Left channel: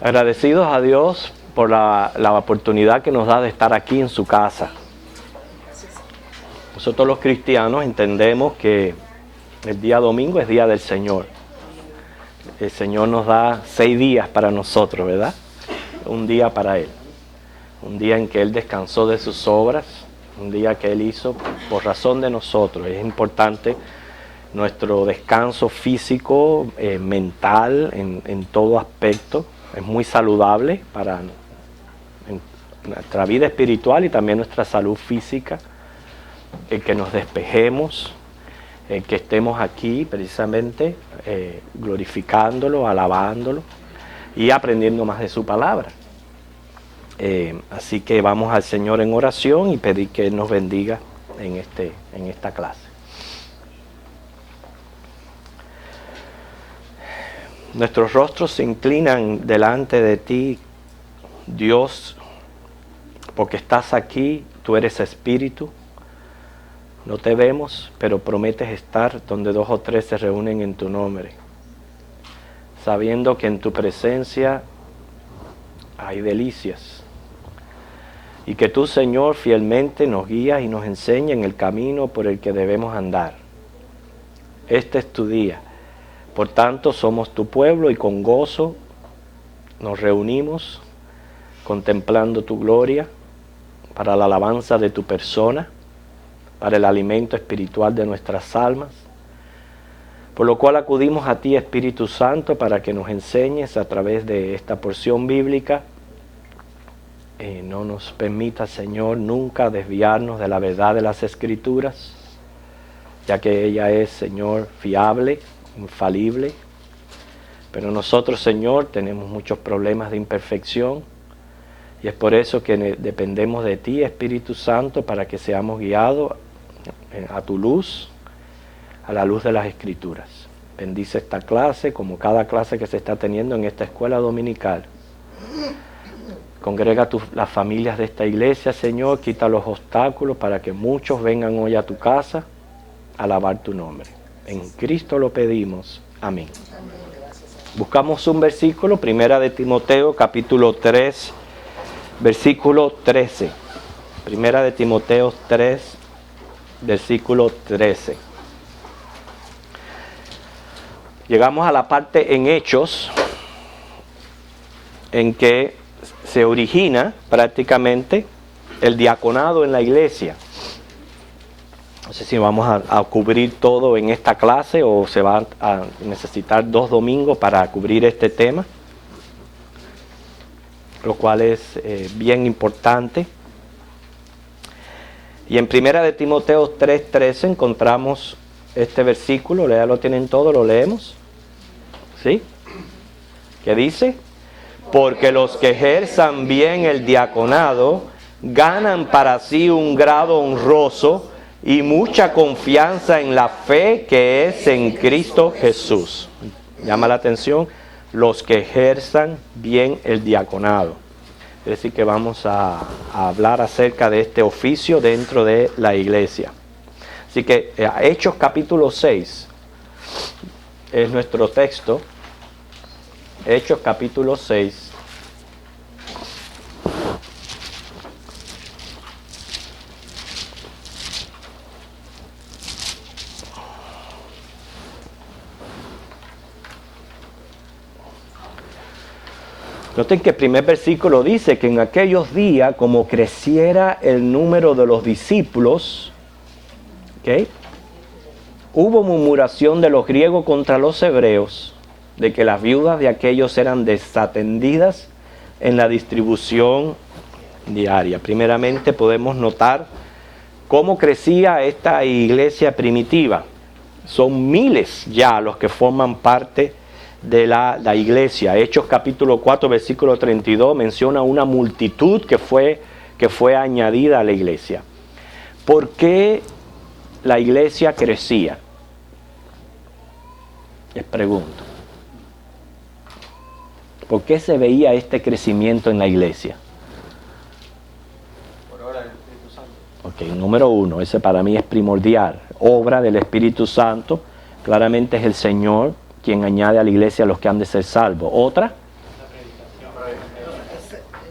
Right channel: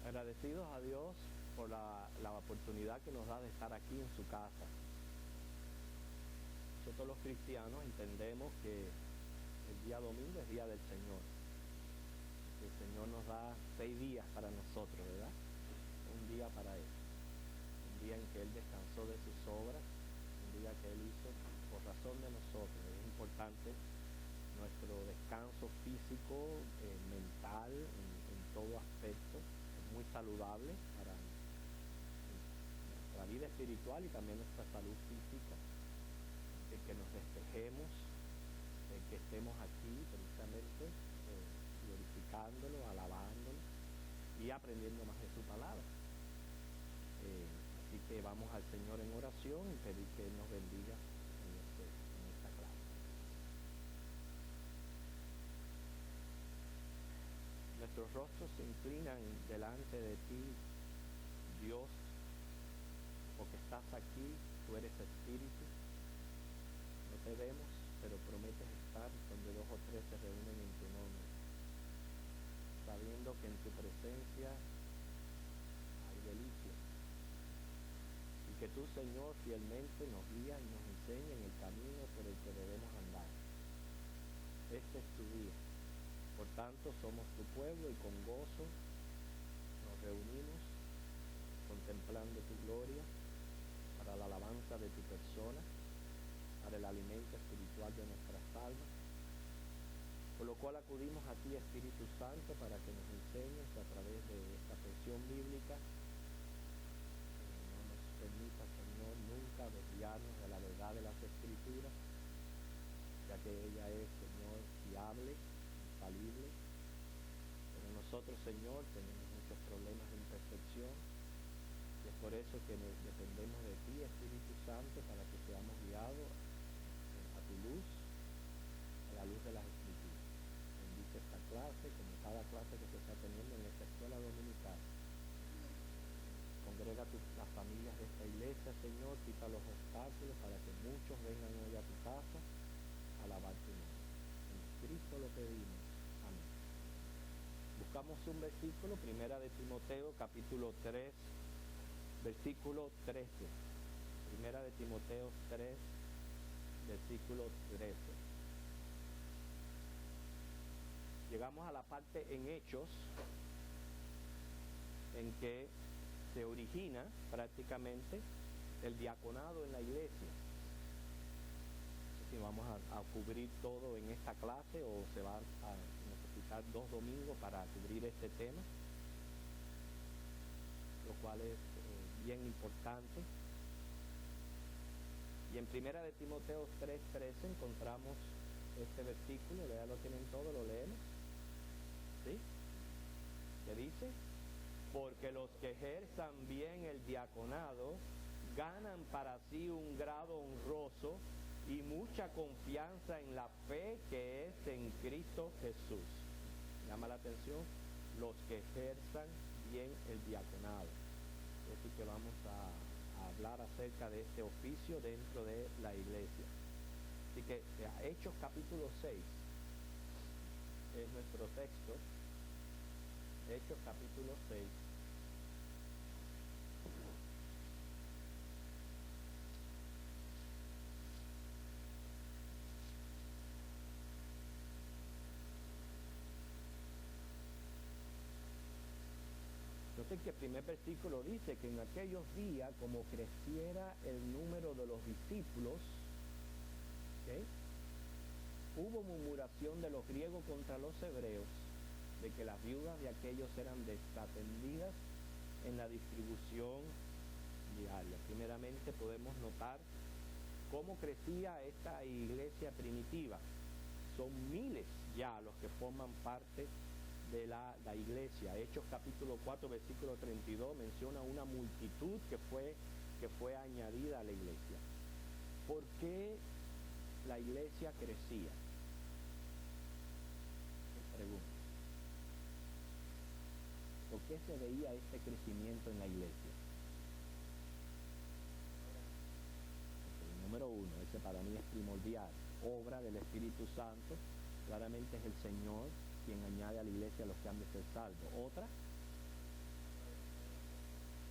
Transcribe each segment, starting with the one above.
Agradecidos a Dios por la oportunidad que nos da de estar aquí en su casa. Nosotros los cristianos entendemos que el día domingo es día del Señor. El Señor nos da 6 días para nosotros, ¿verdad? Un día para Él. Un día en que Él descansó de sus obras. Un día que Él hizo por razón de nosotros. Es importante nuestro descanso físico, mental, en todo aspecto. Es muy saludable para nuestra vida espiritual y también nuestra salud física. El que nos despejemos, el que estemos aquí precisamente glorificándolo, alabándolo y aprendiendo más de su palabra. Así que vamos al Señor en oración y pedir que Él nos bendiga en esta clase. Nuestros rostros se inclinan delante de ti, Dios, porque estás aquí, tú eres espíritu. No te vemos, pero prometes estar donde 2 o 3 se reúnen en tu nombre, sabiendo que en tu presencia hay delicias. Y que tú, Señor, fielmente nos guías y nos enseñas en el camino por el que debemos andar. Este es tu día. Por tanto, somos tu pueblo y con gozo nos reunimos contemplando tu gloria para la alabanza de tu persona, para el alimento espiritual de nuestras almas, por lo cual acudimos a ti, Espíritu Santo, para que nos enseñes a través de esta porción bíblica. No nos permita, Señor, nunca desviarnos de la verdad de las Escrituras, ya que ella es, Señor, fiable, infalible. Pero nosotros, Señor, tenemos muchos problemas de imperfección y es por eso que dependemos de ti, Espíritu Santo, para que seamos guiados a tu luz, a la luz de las Escrituras. Bendice esta clase como cada clase que se está teniendo en esta escuela dominical. Congrega las familias de esta iglesia, Señor, quita los obstáculos para que muchos vengan hoy a tu casa a alabar tu nombre. En Cristo lo pedimos. Amén. Buscamos un versículo, Primera de Timoteo, capítulo 3, versículo 13. Primera de Timoteo 3, versículo 13. Llegamos a la parte en Hechos, en que se origina prácticamente el diaconado en la iglesia. No sé si vamos a cubrir todo en esta clase o se va a necesitar 2 domingos para cubrir este tema, lo cual es bien importante. Y en Primera de Timoteo 3:13 encontramos este versículo, ya lo tienen todo, lo leemos. ¿Sí? ¿Qué dice? Porque los que ejerzan bien el diaconado ganan para sí un grado honroso y mucha confianza en la fe que es en Cristo Jesús. Llama la atención, los que ejerzan bien el diaconado. Es decir, que vamos a hablar acerca de este oficio dentro de la iglesia. Así que Hechos capítulo 6 es nuestro texto. Hechos capítulo 6. Noten que el primer versículo dice que en aquellos días, como creciera el número de los discípulos, ¿okay?, hubo murmuración de los griegos contra los hebreos, de que las viudas de aquellos eran desatendidas en la distribución diaria. Primeramente podemos notar cómo crecía esta iglesia primitiva. Son miles ya los que forman parte de la iglesia. Hechos capítulo 4 versículo 32 menciona una multitud que fue añadida a la iglesia. ¿Por qué la iglesia crecía? Les pregunto. ¿Por qué se veía este crecimiento en la iglesia? Por obra del Espíritu Santo. Ok, número 1, ese para mí es primordial. Obra del Espíritu Santo, claramente es el Señor quien añade a la iglesia a los que han de ser salvos. Otra,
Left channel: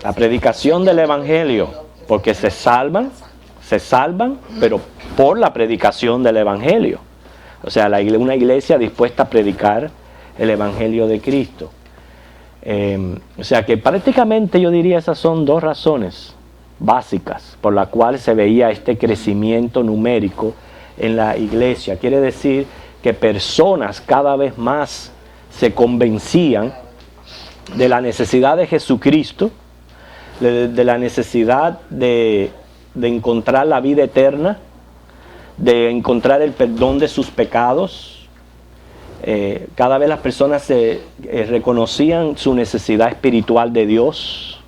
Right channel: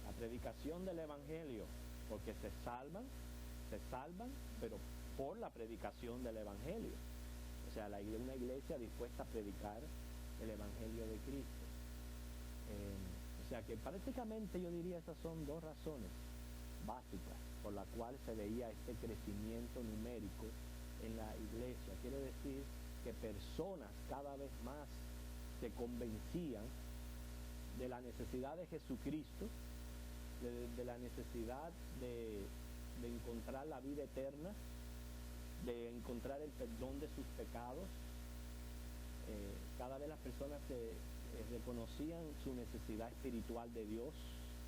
La predicación del Evangelio, porque se salvan, pero por la predicación del Evangelio. O sea, una iglesia dispuesta a predicar el Evangelio de Cristo. O sea que prácticamente yo diría esas son dos razones básicas por las cuales se veía este crecimiento numérico en la iglesia. Quiere decir que personas cada vez más se convencían de la necesidad de Jesucristo, de la necesidad de encontrar la vida eterna, de encontrar el perdón de sus pecados. Cada vez las personas reconocían su necesidad espiritual de Dios,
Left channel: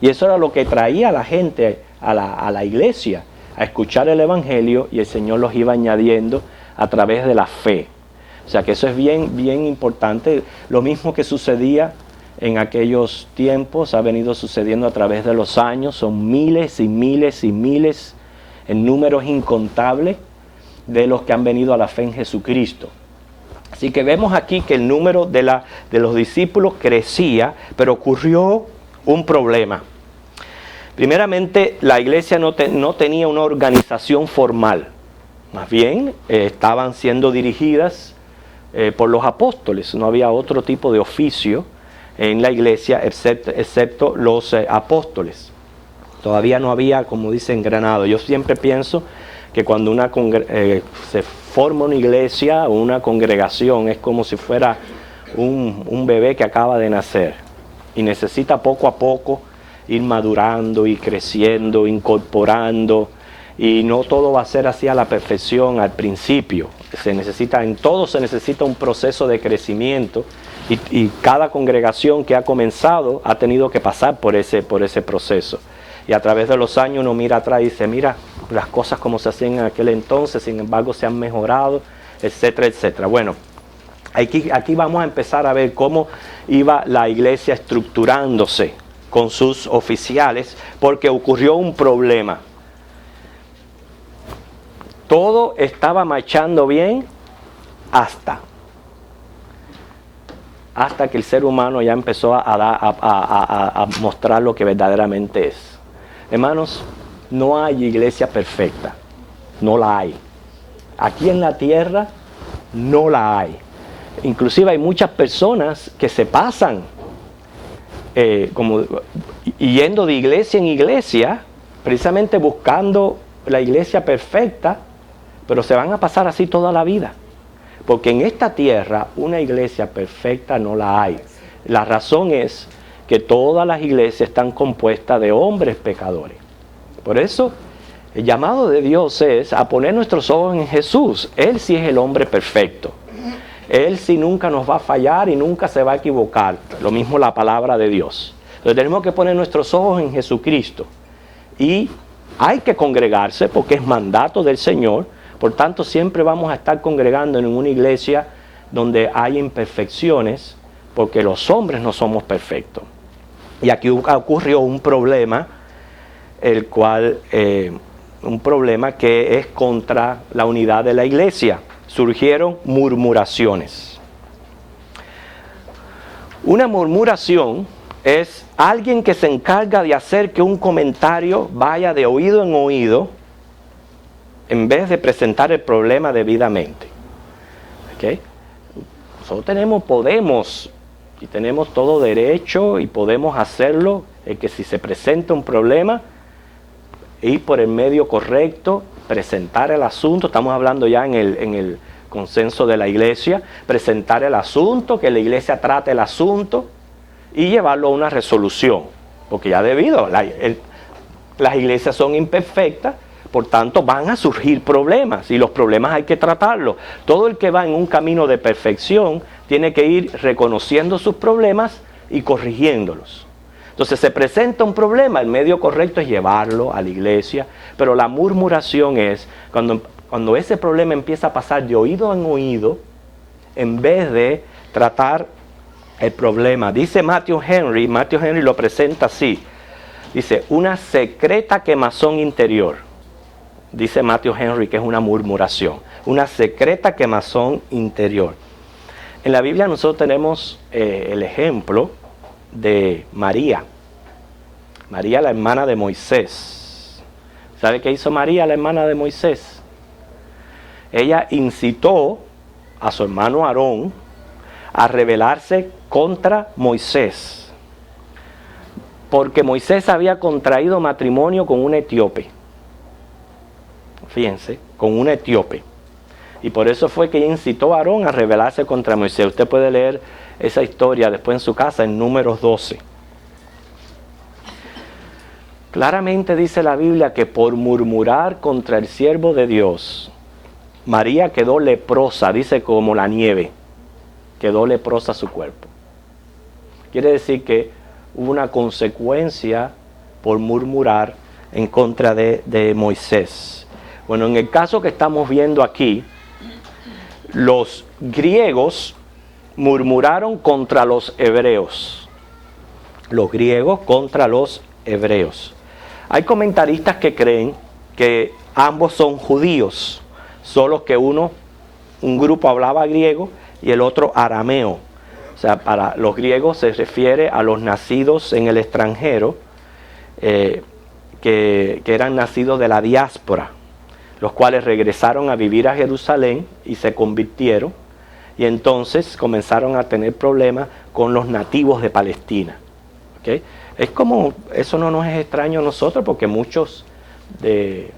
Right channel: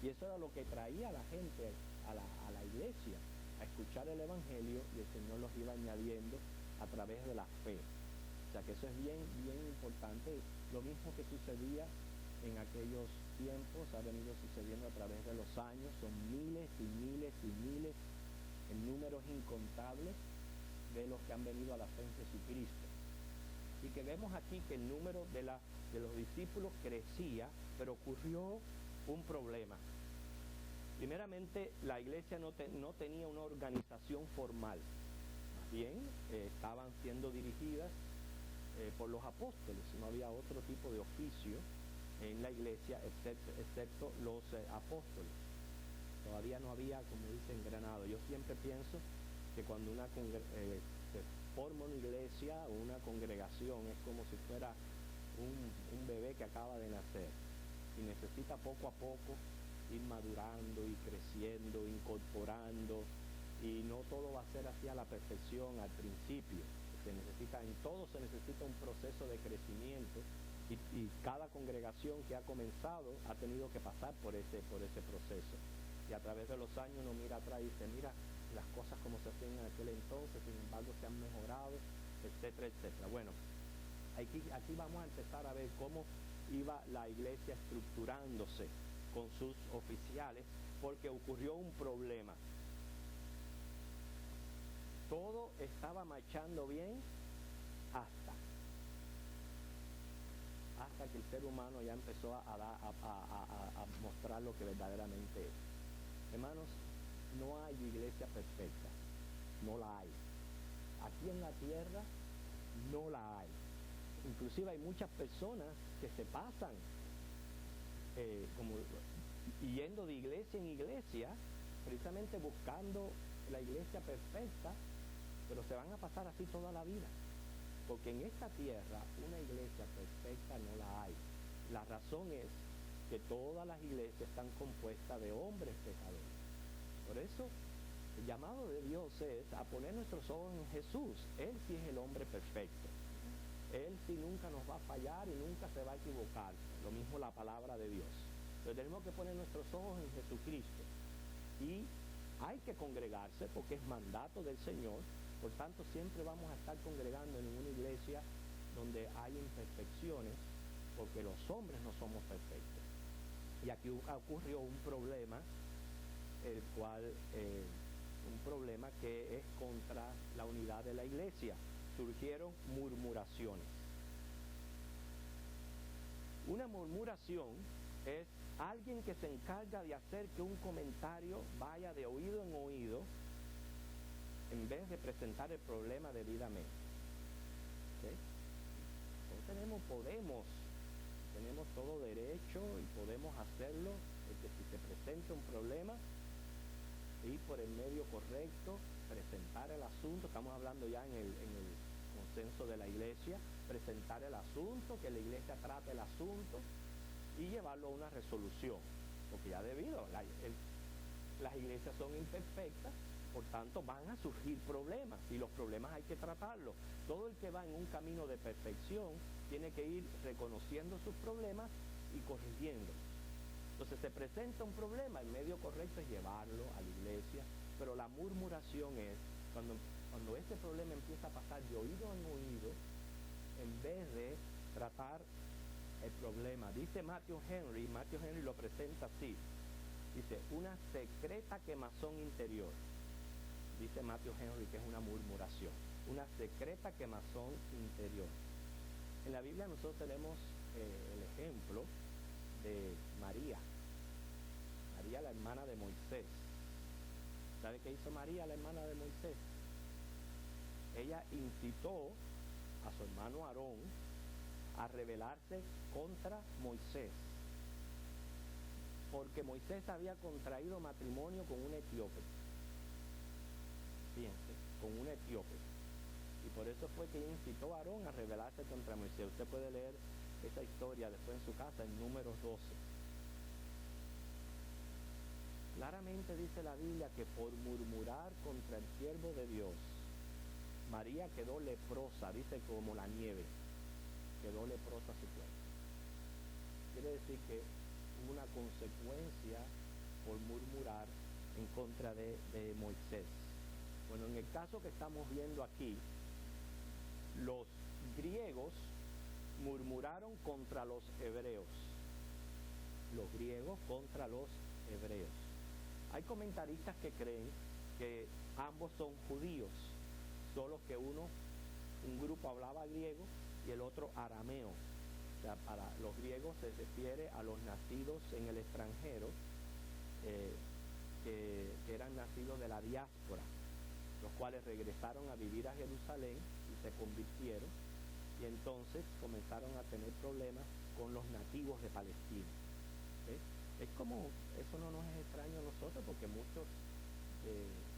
y eso era lo que traía a la gente a la iglesia, a escuchar el Evangelio, y el Señor los iba añadiendo a través de la fe. O sea que eso es bien, bien importante. Lo mismo que sucedía en aquellos tiempos ha venido sucediendo a través de los años. Son miles y miles y miles, en números incontables, de los que han venido a la fe en Jesucristo. Así que vemos aquí que el número de los discípulos crecía, pero ocurrió un problema. Primeramente, la iglesia no tenía una organización formal. Más bien, estaban siendo dirigidas por los apóstoles. No había otro tipo de oficio en la iglesia excepto los apóstoles. Todavía no había, como dice, engranado. Yo siempre pienso que cuando se forma una iglesia o una congregación, es como si fuera un bebé que acaba de nacer y necesita poco a poco ir madurando y creciendo, incorporando, y no todo va a ser así a la perfección al principio. En todo se necesita un proceso de crecimiento, y cada congregación que ha comenzado ha tenido que pasar por ese proceso. Y a través de los años uno mira atrás y dice, mira, las cosas como se hacían en aquel entonces, sin embargo se han mejorado, etcétera, etcétera. Bueno, aquí vamos a empezar a ver cómo iba la iglesia estructurándose con sus oficiales, porque ocurrió un problema. Todo estaba marchando bien hasta que el ser humano ya empezó a mostrar lo que verdaderamente es. Hermanos, no hay iglesia perfecta, no la hay. Aquí en la tierra no la hay. Inclusive hay muchas personas que se pasan yendo de iglesia en iglesia, precisamente buscando la iglesia perfecta, pero se van a pasar así toda la vida. Porque en esta tierra una iglesia perfecta no la hay. La razón es que todas las iglesias están compuestas de hombres pecadores. Por eso el llamado de Dios es a poner nuestros ojos en Jesús. Él sí es el hombre perfecto. Él sí nunca nos va a fallar y nunca se va a equivocar. Lo mismo la palabra de Dios. Entonces tenemos que poner nuestros ojos en Jesucristo. Y hay que congregarse porque es mandato del Señor. Por tanto, siempre vamos a estar congregando en una iglesia donde hay imperfecciones, porque los hombres no somos perfectos. Y aquí ocurrió un problema, un problema que es contra la unidad de la iglesia. Surgieron murmuraciones. Una murmuración es alguien que se encarga de hacer que un comentario vaya de oído en oído, en vez de presentar el problema debidamente. ¿Okay? Nosotros podemos y tenemos todo derecho y podemos hacerlo, que si se presenta un problema, ir por el medio correcto, presentar el asunto. Estamos hablando ya en el consenso de la iglesia, presentar el asunto, que la iglesia trate el asunto y llevarlo a una resolución, porque ya las iglesias son imperfectas. Por tanto, van a surgir problemas y los problemas hay que tratarlos. Todo el que va en un camino de perfección tiene que ir reconociendo sus problemas y corrigiéndolos. Entonces se presenta un problema, el medio correcto es llevarlo a la iglesia, pero la murmuración es cuando ese problema empieza a pasar de oído en oído, en vez de tratar el problema. Dice Matthew Henry lo presenta así, dice, una secreta quemazón interior. Dice Matthew Henry que es una murmuración, una secreta quemazón interior. En la Biblia nosotros tenemos el ejemplo de María. María, la hermana de Moisés. ¿Sabe qué hizo María, la hermana de Moisés? Ella incitó a su hermano Aarón a rebelarse contra Moisés, porque Moisés había contraído matrimonio con un etíope. Fíjense, con un etíope. Y por eso fue que ella incitó a Aarón a rebelarse contra Moisés. Usted puede leer esa historia después en su casa en Números 12. Claramente dice la Biblia que por murmurar contra el siervo de Dios, María quedó leprosa, dice como la nieve, quedó leprosa su cuerpo. Quiere decir que hubo una consecuencia por murmurar en contra de Moisés. Bueno, en el caso que estamos viendo aquí, los griegos murmuraron contra los hebreos. Los griegos contra los hebreos. Hay comentaristas que creen que ambos son judíos, solo que un grupo hablaba griego y el otro arameo. O sea, para los griegos se refiere a los nacidos en el extranjero, que eran nacidos de la diáspora, los cuales regresaron a vivir a Jerusalén y se convirtieron, y entonces comenzaron a tener problemas con los nativos de Palestina. ¿Okay? Es como, eso no nos es extraño a nosotros, porque muchos de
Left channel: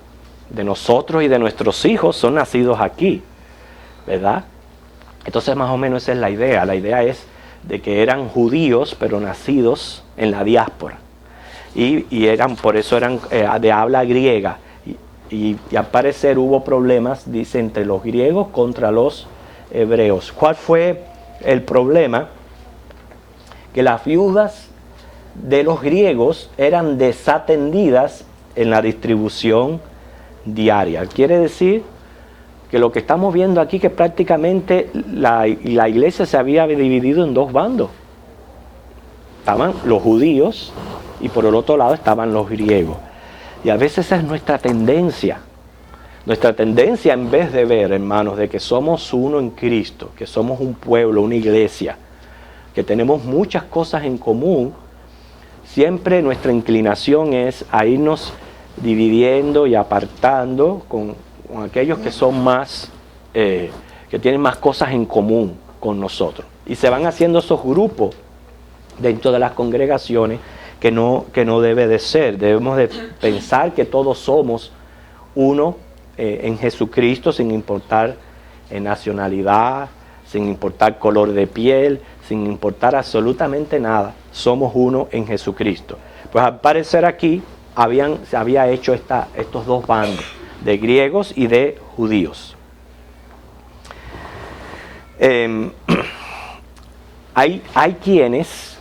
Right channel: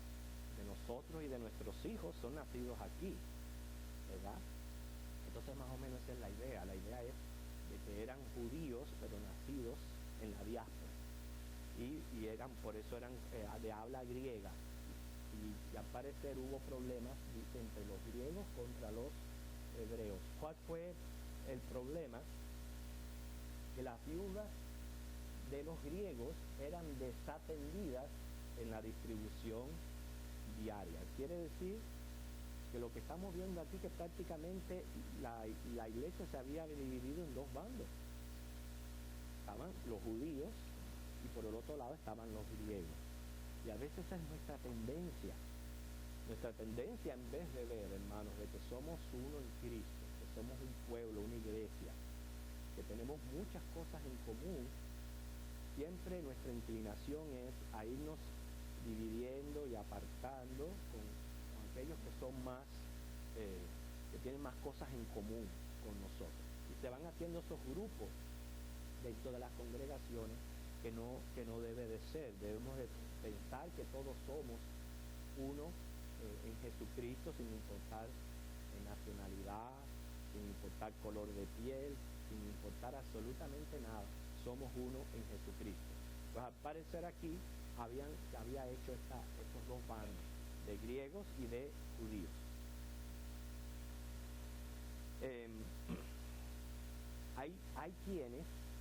nosotros y de nuestros hijos son nacidos aquí, ¿verdad? Entonces más o menos esa es la idea. La idea es de que eran judíos, pero nacidos en la diáspora. Y por eso eran de habla griega. Y al parecer hubo problemas, dice, entre los griegos contra los hebreos. ¿Cuál fue el problema? Que las viudas de los griegos eran desatendidas en la distribución diaria. Quiere decir que lo que estamos viendo aquí, que prácticamente la iglesia se había dividido en dos bandos. Estaban los judíos y por el otro lado estaban los griegos. Y a veces esa es nuestra tendencia. Nuestra tendencia, en vez de ver, hermanos, de que somos uno en Cristo, que somos un pueblo, una iglesia, que tenemos muchas cosas en común, siempre nuestra inclinación es a irnos dividiendo y apartando con aquellos que son más, que tienen más cosas en común con nosotros. Y se van haciendo esos grupos dentro de las congregaciones que no debe de ser. Debemos de pensar que todos somos uno en Jesucristo, sin importar nacionalidad, sin importar color de piel, sin importar absolutamente nada. Somos uno en Jesucristo. Pues al parecer aquí se había hecho estos dos bandos, de griegos y de judíos. Hay quienes,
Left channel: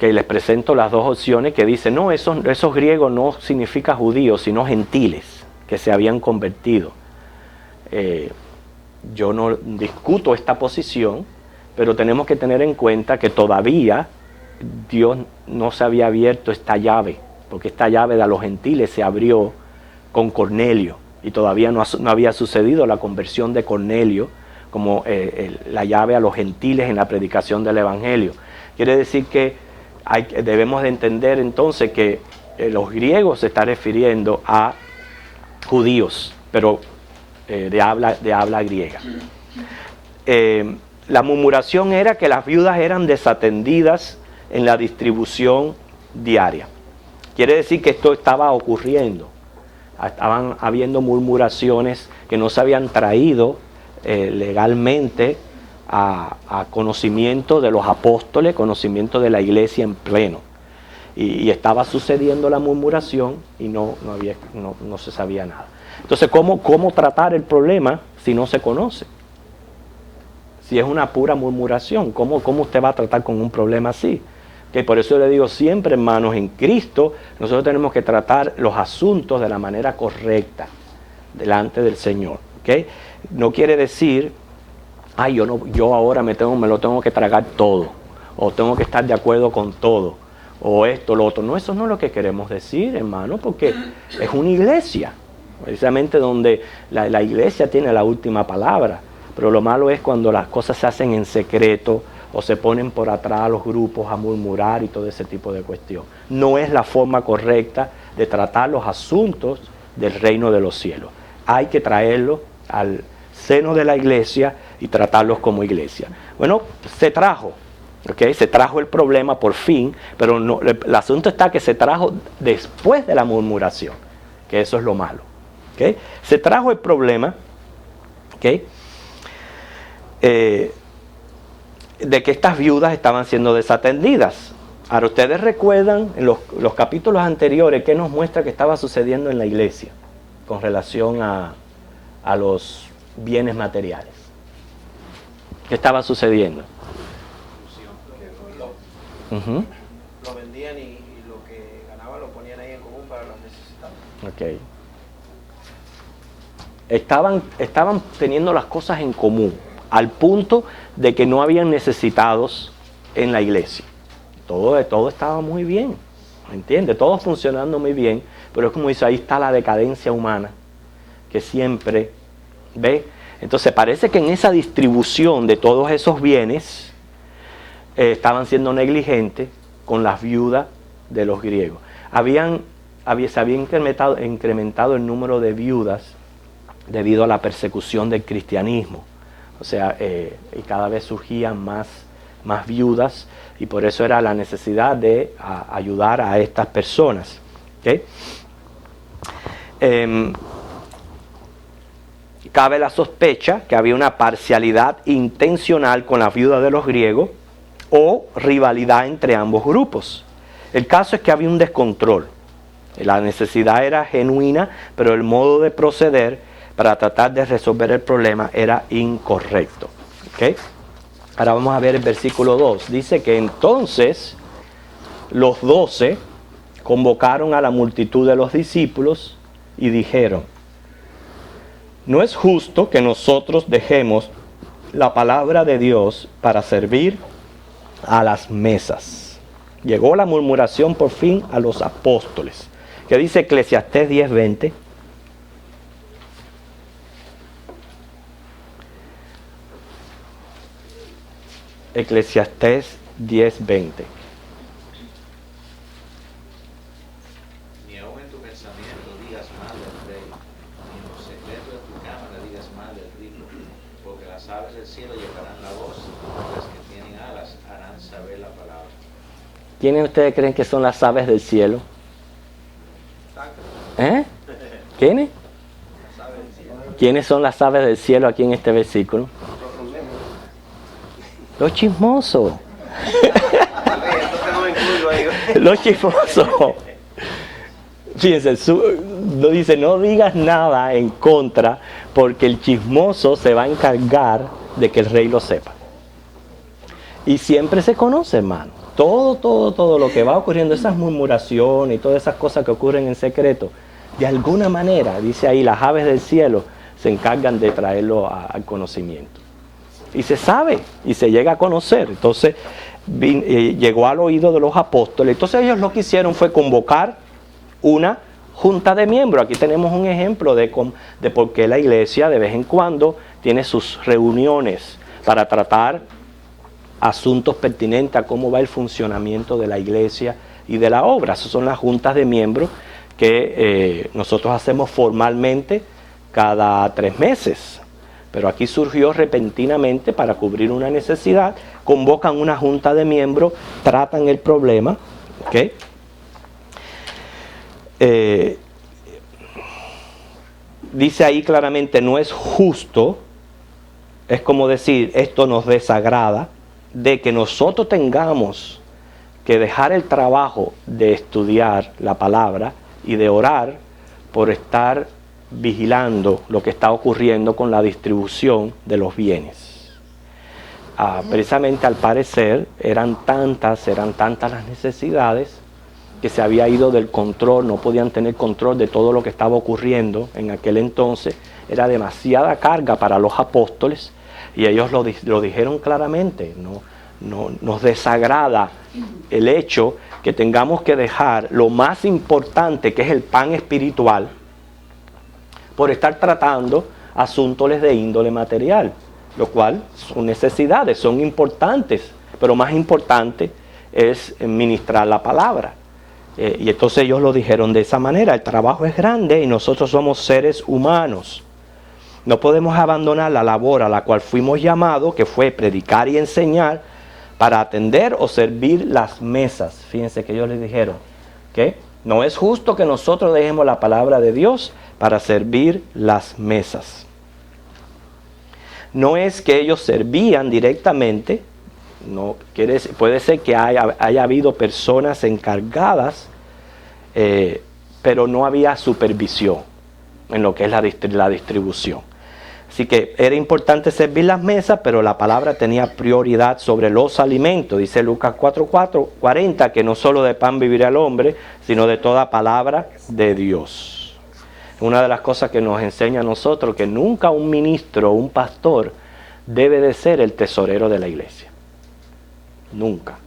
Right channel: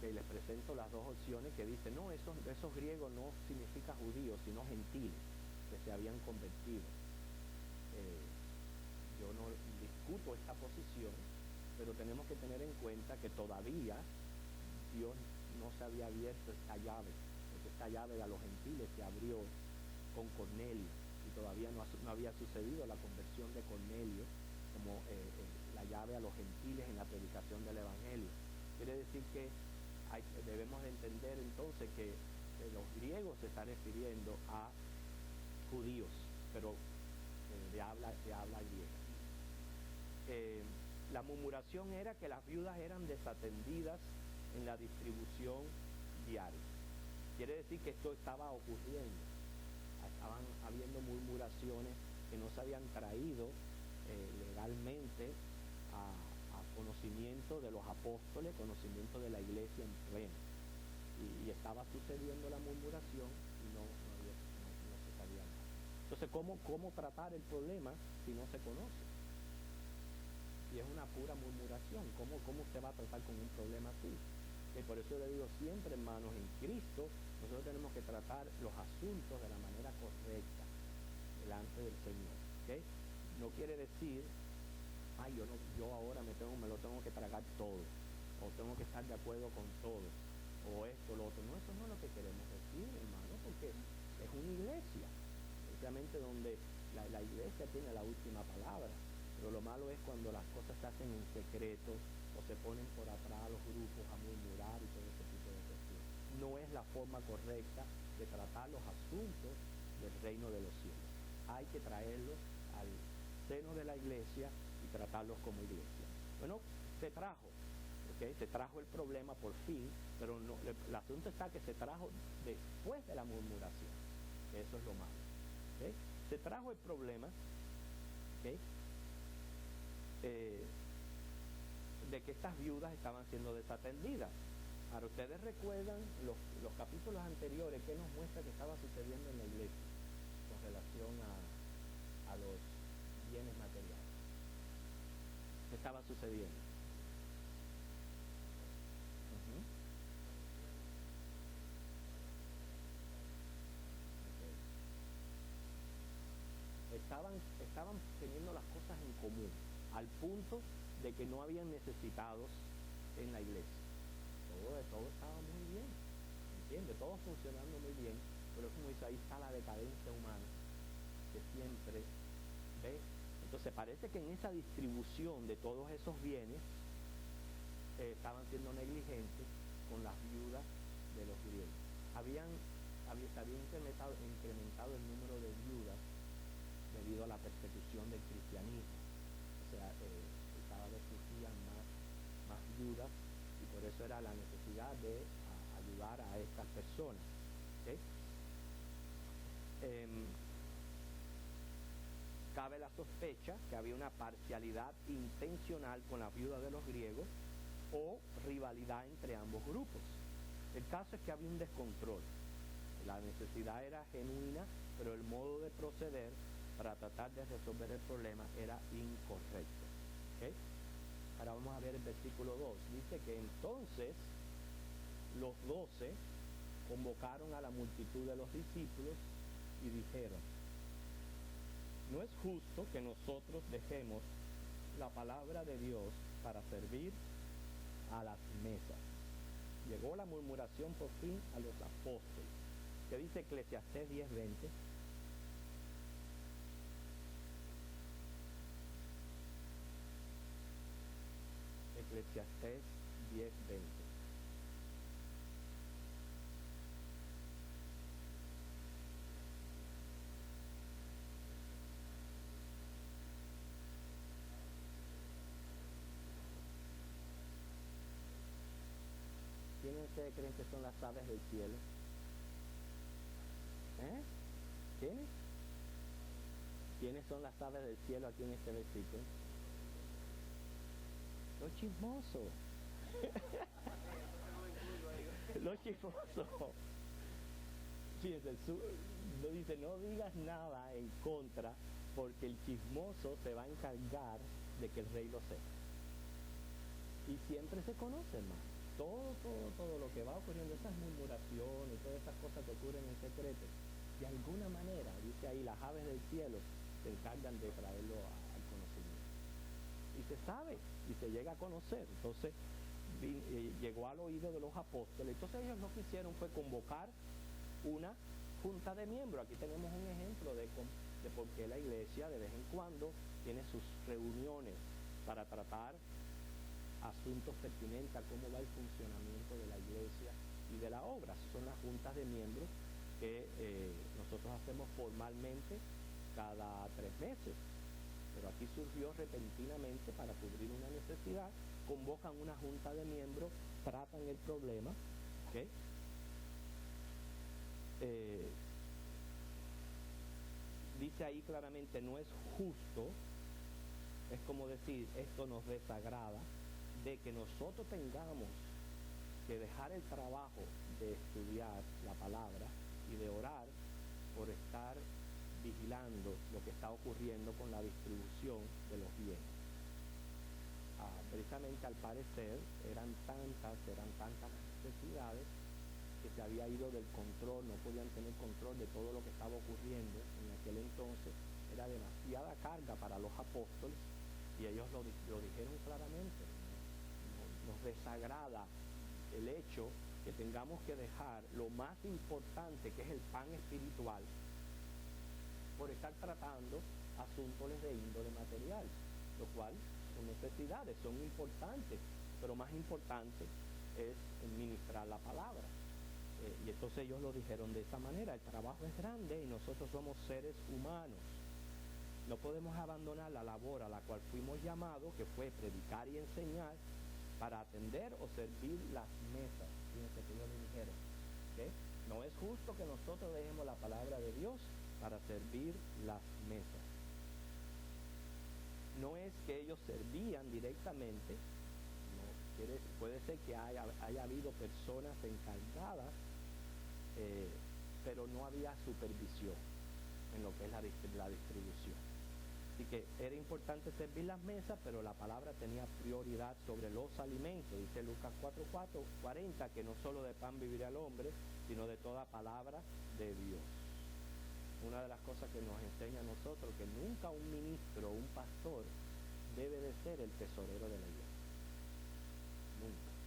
les presento las dos opciones, que dicen, no, esos griegos no significa judíos, sino gentiles, que se habían convertido. Yo no discuto esta posición, pero tenemos que tener en cuenta que todavía Dios no se había abierto esta llave, porque esta llave de los gentiles se abrió con Cornelio, y todavía no había sucedido la conversión de Cornelio como la llave a los gentiles en la predicación del Evangelio. Quiere decir que debemos de entender entonces que los griegos se están refiriendo a judíos, pero de habla griega. La murmuración era que las viudas eran desatendidas en la distribución diaria. Quiere decir que esto estaba ocurriendo. Estaban habiendo murmuraciones que no se habían traído legalmente a conocimiento de los apóstoles, conocimiento de la iglesia en pleno. Y estaba sucediendo la murmuración y no se sabía nada. Entonces, ¿cómo tratar el problema si no se conoce? Si es una pura murmuración, ¿cómo usted va a tratar con un problema así? Que por eso le digo siempre, hermanos, en Cristo nosotros tenemos que tratar los asuntos de la manera correcta delante del Señor. ¿Okay? No quiere decir, yo ahora me lo tengo que tragar todo, o tengo que estar de acuerdo con todo, o esto, lo otro. No, eso no es lo que queremos decir, hermano, porque es una iglesia, precisamente donde la iglesia tiene la última palabra. Pero lo malo es cuando las cosas se hacen en secreto, o se ponen por atrás los grupos a murmurar y todo ese tipo de cuestión. No es la forma correcta de tratar los asuntos del reino de los cielos. Hay que traerlos al seno de la iglesia y tratarlos como iglesia. Bueno, se trajo, ¿okay? Se trajo el problema por fin, pero no, el asunto está que se trajo después de la murmuración, que eso es lo malo. ¿Okay? Se trajo el problema, ¿okay? De que estas viudas estaban siendo desatendidas. Ahora, ustedes recuerdan en los capítulos anteriores qué nos muestra que estaba sucediendo en la iglesia con relación a los bienes materiales. ¿Qué estaba sucediendo? Lo vendían y lo que ganaban lo ponían ahí en común para los necesitados. Okay. Estaban teniendo las cosas en común, al punto de que no habían necesitados en la iglesia. Todo estaba muy bien, ¿me entiendes? Todo funcionando muy bien, pero es como dice, ahí está la decadencia humana, que siempre, ¿ve? Entonces parece que en esa distribución de todos esos bienes, estaban siendo negligentes con las viudas de los griegos. Se había incrementado el número de viudas debido a la persecución del cristianismo. O sea, y cada vez surgían más viudas, y por eso era la necesidad de ayudar a estas personas. ¿Okay? Cabe la sospecha que había una parcialidad intencional con las viudas de los griegos o rivalidad entre ambos grupos. El caso es que había un descontrol. La necesidad era genuina, pero el modo de proceder para tratar de resolver el problema era incorrecto. ¿Okay? Ahora vamos a ver el versículo 2. Dice que entonces los 12 convocaron a la multitud de los discípulos y dijeron: no es justo que nosotros dejemos la palabra de Dios para servir a las mesas. Llegó la murmuración por fin a los apóstoles. ¿Qué dice Eclesiastés 10:20? Eclesiastés 10:20. Ni aun en tu pensamiento digas mal del rey, ni en los secretos de tu cámara digas mal del rico, porque las aves del cielo llevarán la voz, y las que tienen alas harán saber la palabra. ¿Quiénes ustedes creen que son las aves del cielo? ¿Quiénes? ¿Quiénes son las aves del cielo aquí en este versículo? Los chismosos. Los chismosos. Fíjense, no dice, no digas nada en contra, porque el chismoso se va a encargar de que el rey lo sepa. Y siempre se conoce, hermano. Todo lo que va ocurriendo, esas murmuraciones y todas esas cosas que ocurren en secreto, de alguna manera, dice ahí, las aves del cielo se encargan de traerlo al conocimiento. Y se sabe, y se llega a conocer. Entonces, llegó al oído de los apóstoles. Entonces ellos lo que hicieron fue convocar una junta de miembros. Aquí tenemos un ejemplo de por qué la iglesia de vez en cuando tiene sus reuniones para tratar asuntos pertinentes a cómo va el funcionamiento de la iglesia y de la obra. Esas son las juntas de miembros que nosotros hacemos formalmente cada 3 meses. Pero aquí surgió repentinamente para cubrir una necesidad. Convocan una junta de miembros, tratan el problema. ¿Okay? Dice ahí claramente, no es justo, es como decir, esto nos desagrada, de que nosotros tengamos que dejar el trabajo de estudiar la palabra y de orar por estar vigilando lo que está ocurriendo con la distribución de los bienes. Precisamente al parecer eran tantas las necesidades que se había ido del control, no podían tener control de todo lo que estaba ocurriendo en aquel entonces. Era demasiada carga para los apóstoles y ellos lo dijeron claramente. Nos desagrada el hecho que tengamos que dejar lo más importante, que es el pan espiritual, por estar tratando asuntos de índole material, lo cual son necesidades, son importantes, pero más importante es ministrar la palabra. Y entonces ellos lo dijeron de esa manera: el trabajo es grande y nosotros somos seres humanos. No podemos abandonar la labor a la cual fuimos llamados, que fue predicar y enseñar, para atender o servir las mesas. Fíjense que ellos les dijeron que no es justo que nosotros dejemos la palabra de Dios para servir las mesas. No es que ellos servían directamente, no quiere decir, puede ser que haya habido personas encargadas, pero no había supervisión en lo que es la distribución. Así que era importante servir las mesas, pero la palabra tenía prioridad sobre los alimentos. Dice Lucas 4:40 que no solo de pan vivirá el hombre, sino de toda palabra de Dios. Una de las cosas que nos enseña a nosotros, que nunca un ministro o un pastor debe de ser el tesorero de la iglesia. Nunca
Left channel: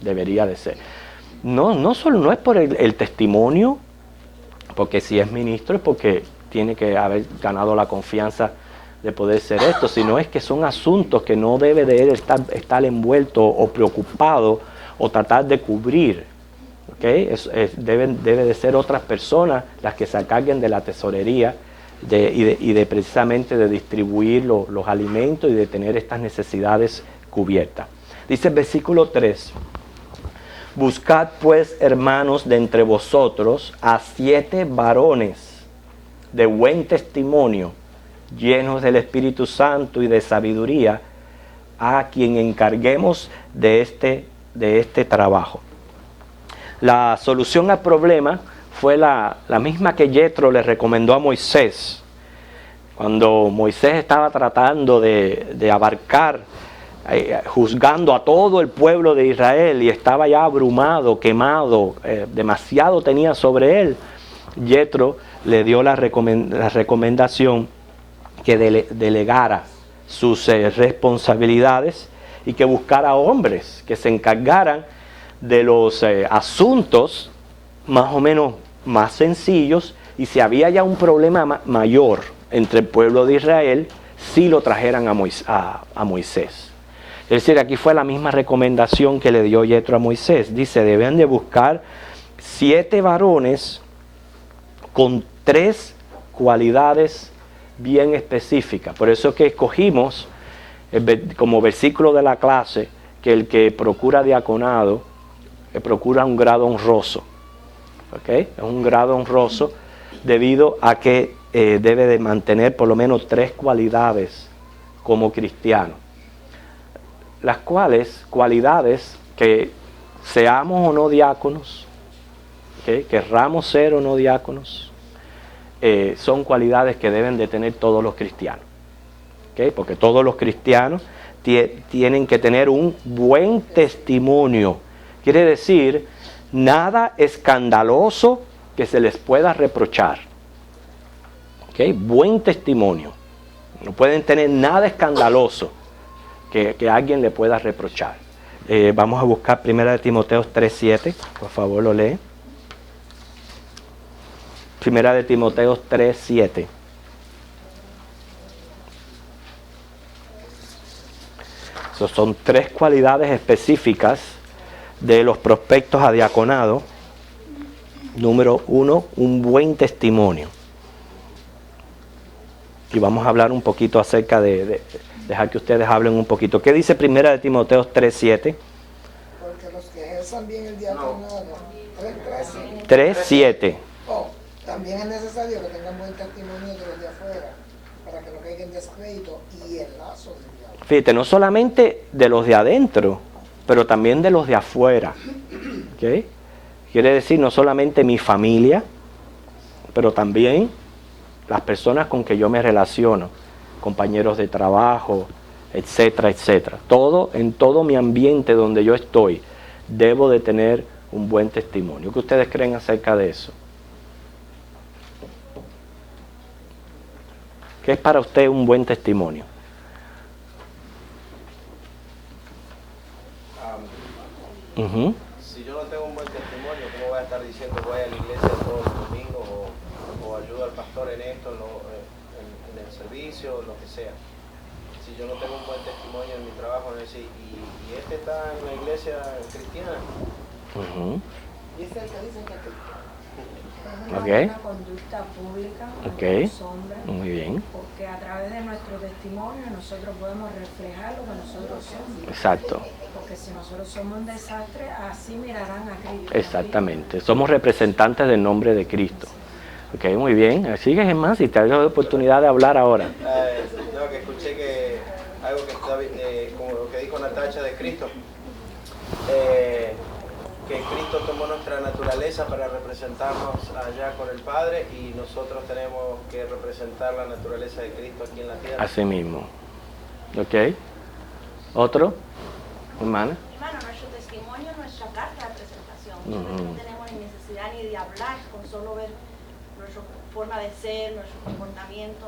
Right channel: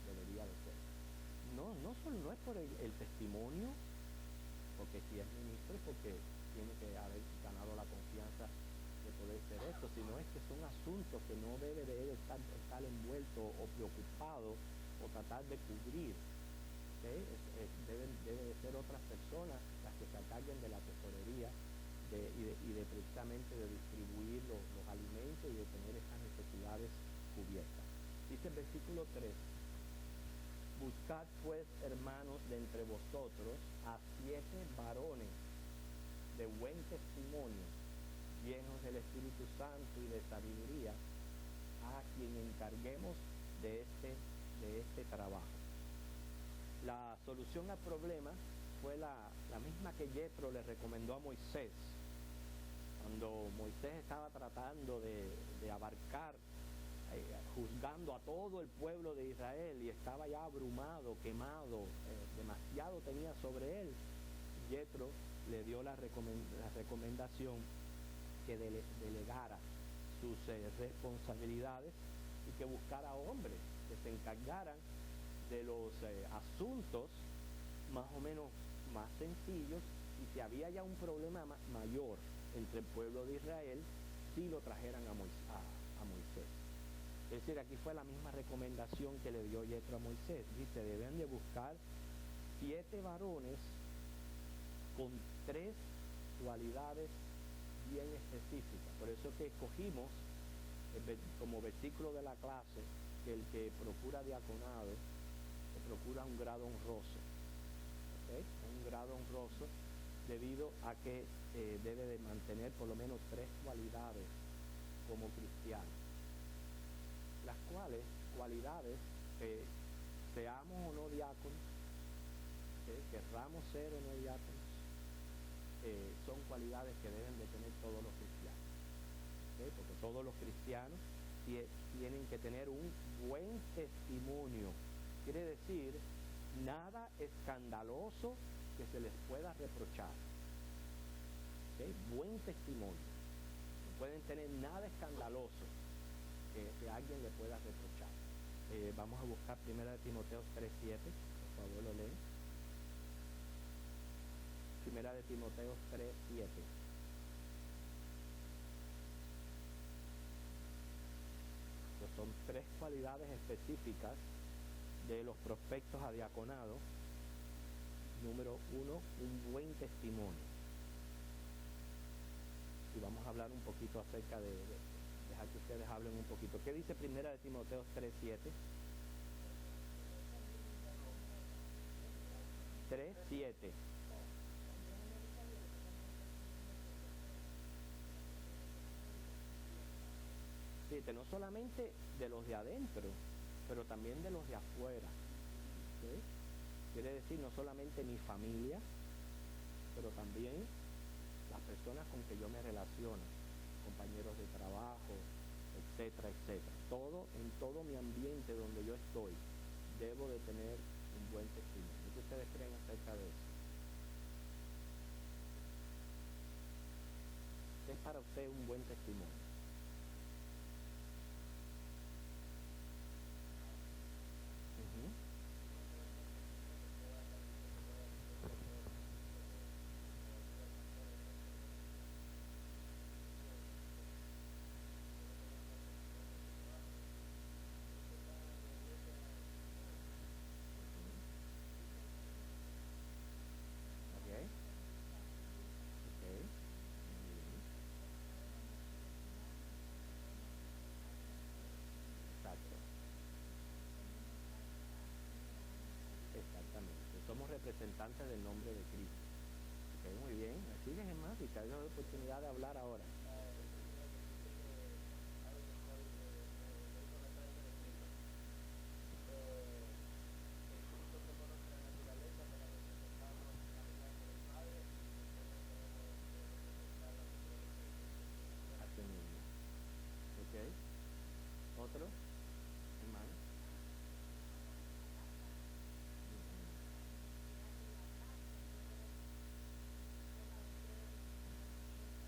debería de ser. No es por el testimonio, porque si es ministro es porque tiene que haber ganado la confianza de poder ser esto, sino es que son asuntos que no debe de él estar envuelto o preocupado o tratar de cubrir. ¿Okay? Debe de ser otras personas las que se encarguen de la tesorería y de precisamente de distribuir los alimentos y de tener estas necesidades cubiertas. Dice el versículo 3: buscad pues, hermanos, de entre vosotros a 7 varones de buen testimonio, llenos del Espíritu Santo y de sabiduría, a quien encarguemos de este trabajo. La solución al problema fue la misma que Yetro le recomendó a Moisés. Cuando Moisés estaba tratando de abarcar, juzgando a todo el pueblo de Israel, y estaba ya abrumado, quemado, demasiado tenía sobre él, Yetro le dio la recomendación que delegara sus responsabilidades y que buscara hombres que se encargaran de los asuntos más o menos más sencillos, y si había ya un problema mayor entre el pueblo de Israel, sí lo trajeran a Moisés. Es decir, aquí fue la misma recomendación que le dio Yetro a Moisés. Dice, deben de buscar 7 varones con 3 cualidades bien específicas. Por eso es que escogimos como versículo de la clase que el que procura diaconado procura un grado honroso. ¿Okay? Es un grado honroso debido a que debe de mantener por lo menos 3 cualidades como cristiano. Las cualidades que seamos o no diáconos, ¿okay? Querramos ser o no diáconos, son cualidades que deben de tener todos los cristianos. ¿Okay? Porque todos los cristianos tienen que tener un buen testimonio. Quiere decir, nada escandaloso que se les pueda reprochar. ¿Okay? Buen testimonio. No pueden tener nada escandaloso que alguien le pueda reprochar. Vamos a buscar 1 Timoteo 3:7. Por favor, lo lee. 1 Timoteo 3:7. Son 3 cualidades específicas de los prospectos a diaconado. Número 1, un buen testimonio. Y vamos a hablar un poquito acerca de dejar que ustedes hablen un poquito. ¿Qué dice 1 Timoteo 3:7? Porque los que ejerzan bien el diaconado, 3:7. También es necesario que tengan buen testimonio de los de afuera, para que no caigan en descrédito y el lazo del diablo. Fíjate, no solamente de los de adentro, pero también de los de afuera. ¿Okay? Quiere decir, no solamente mi familia, pero también las personas con que yo me relaciono, compañeros de trabajo, etcétera, etcétera. En todo mi ambiente donde yo estoy, debo de tener un buen testimonio. ¿Qué ustedes creen acerca de eso? ¿Qué es para usted un buen testimonio? Si yo no tengo un buen testimonio, ¿cómo voy a estar diciendo voy a la iglesia todos los domingos o ayudo al pastor en esto, en el servicio, lo que sea? si yo no tengo un buen testimonio en mi trabajo, no decir, y este está en la iglesia cristiana. Ujú. Y ese es el que dicen que Ok. Una conducta pública, Ok. ante los hombres, Muy bien. porque a través de nuestro testimonio nosotros podemos reflejar lo que nosotros somos. Exacto. Porque si nosotros somos un desastre, así mirarán a Cristo. Exactamente. Somos representantes del nombre de Cristo. Ok, muy bien. Sigues en más y te doy la oportunidad de hablar ahora. No, que escuché que algo que está, como lo que dijo Natacha de Cristo, que Cristo tomó nuestra naturaleza para representarnos allá con el Padre y nosotros tenemos que representar la naturaleza de Cristo aquí en la tierra. Así mismo. Ok. ¿Otro? Hermana. Hermano, nuestro testimonio es nuestra carta de presentación. Ujú. Nosotros no tenemos ni necesidad ni de hablar, con solo ver nuestra forma de ser, nuestro comportamiento.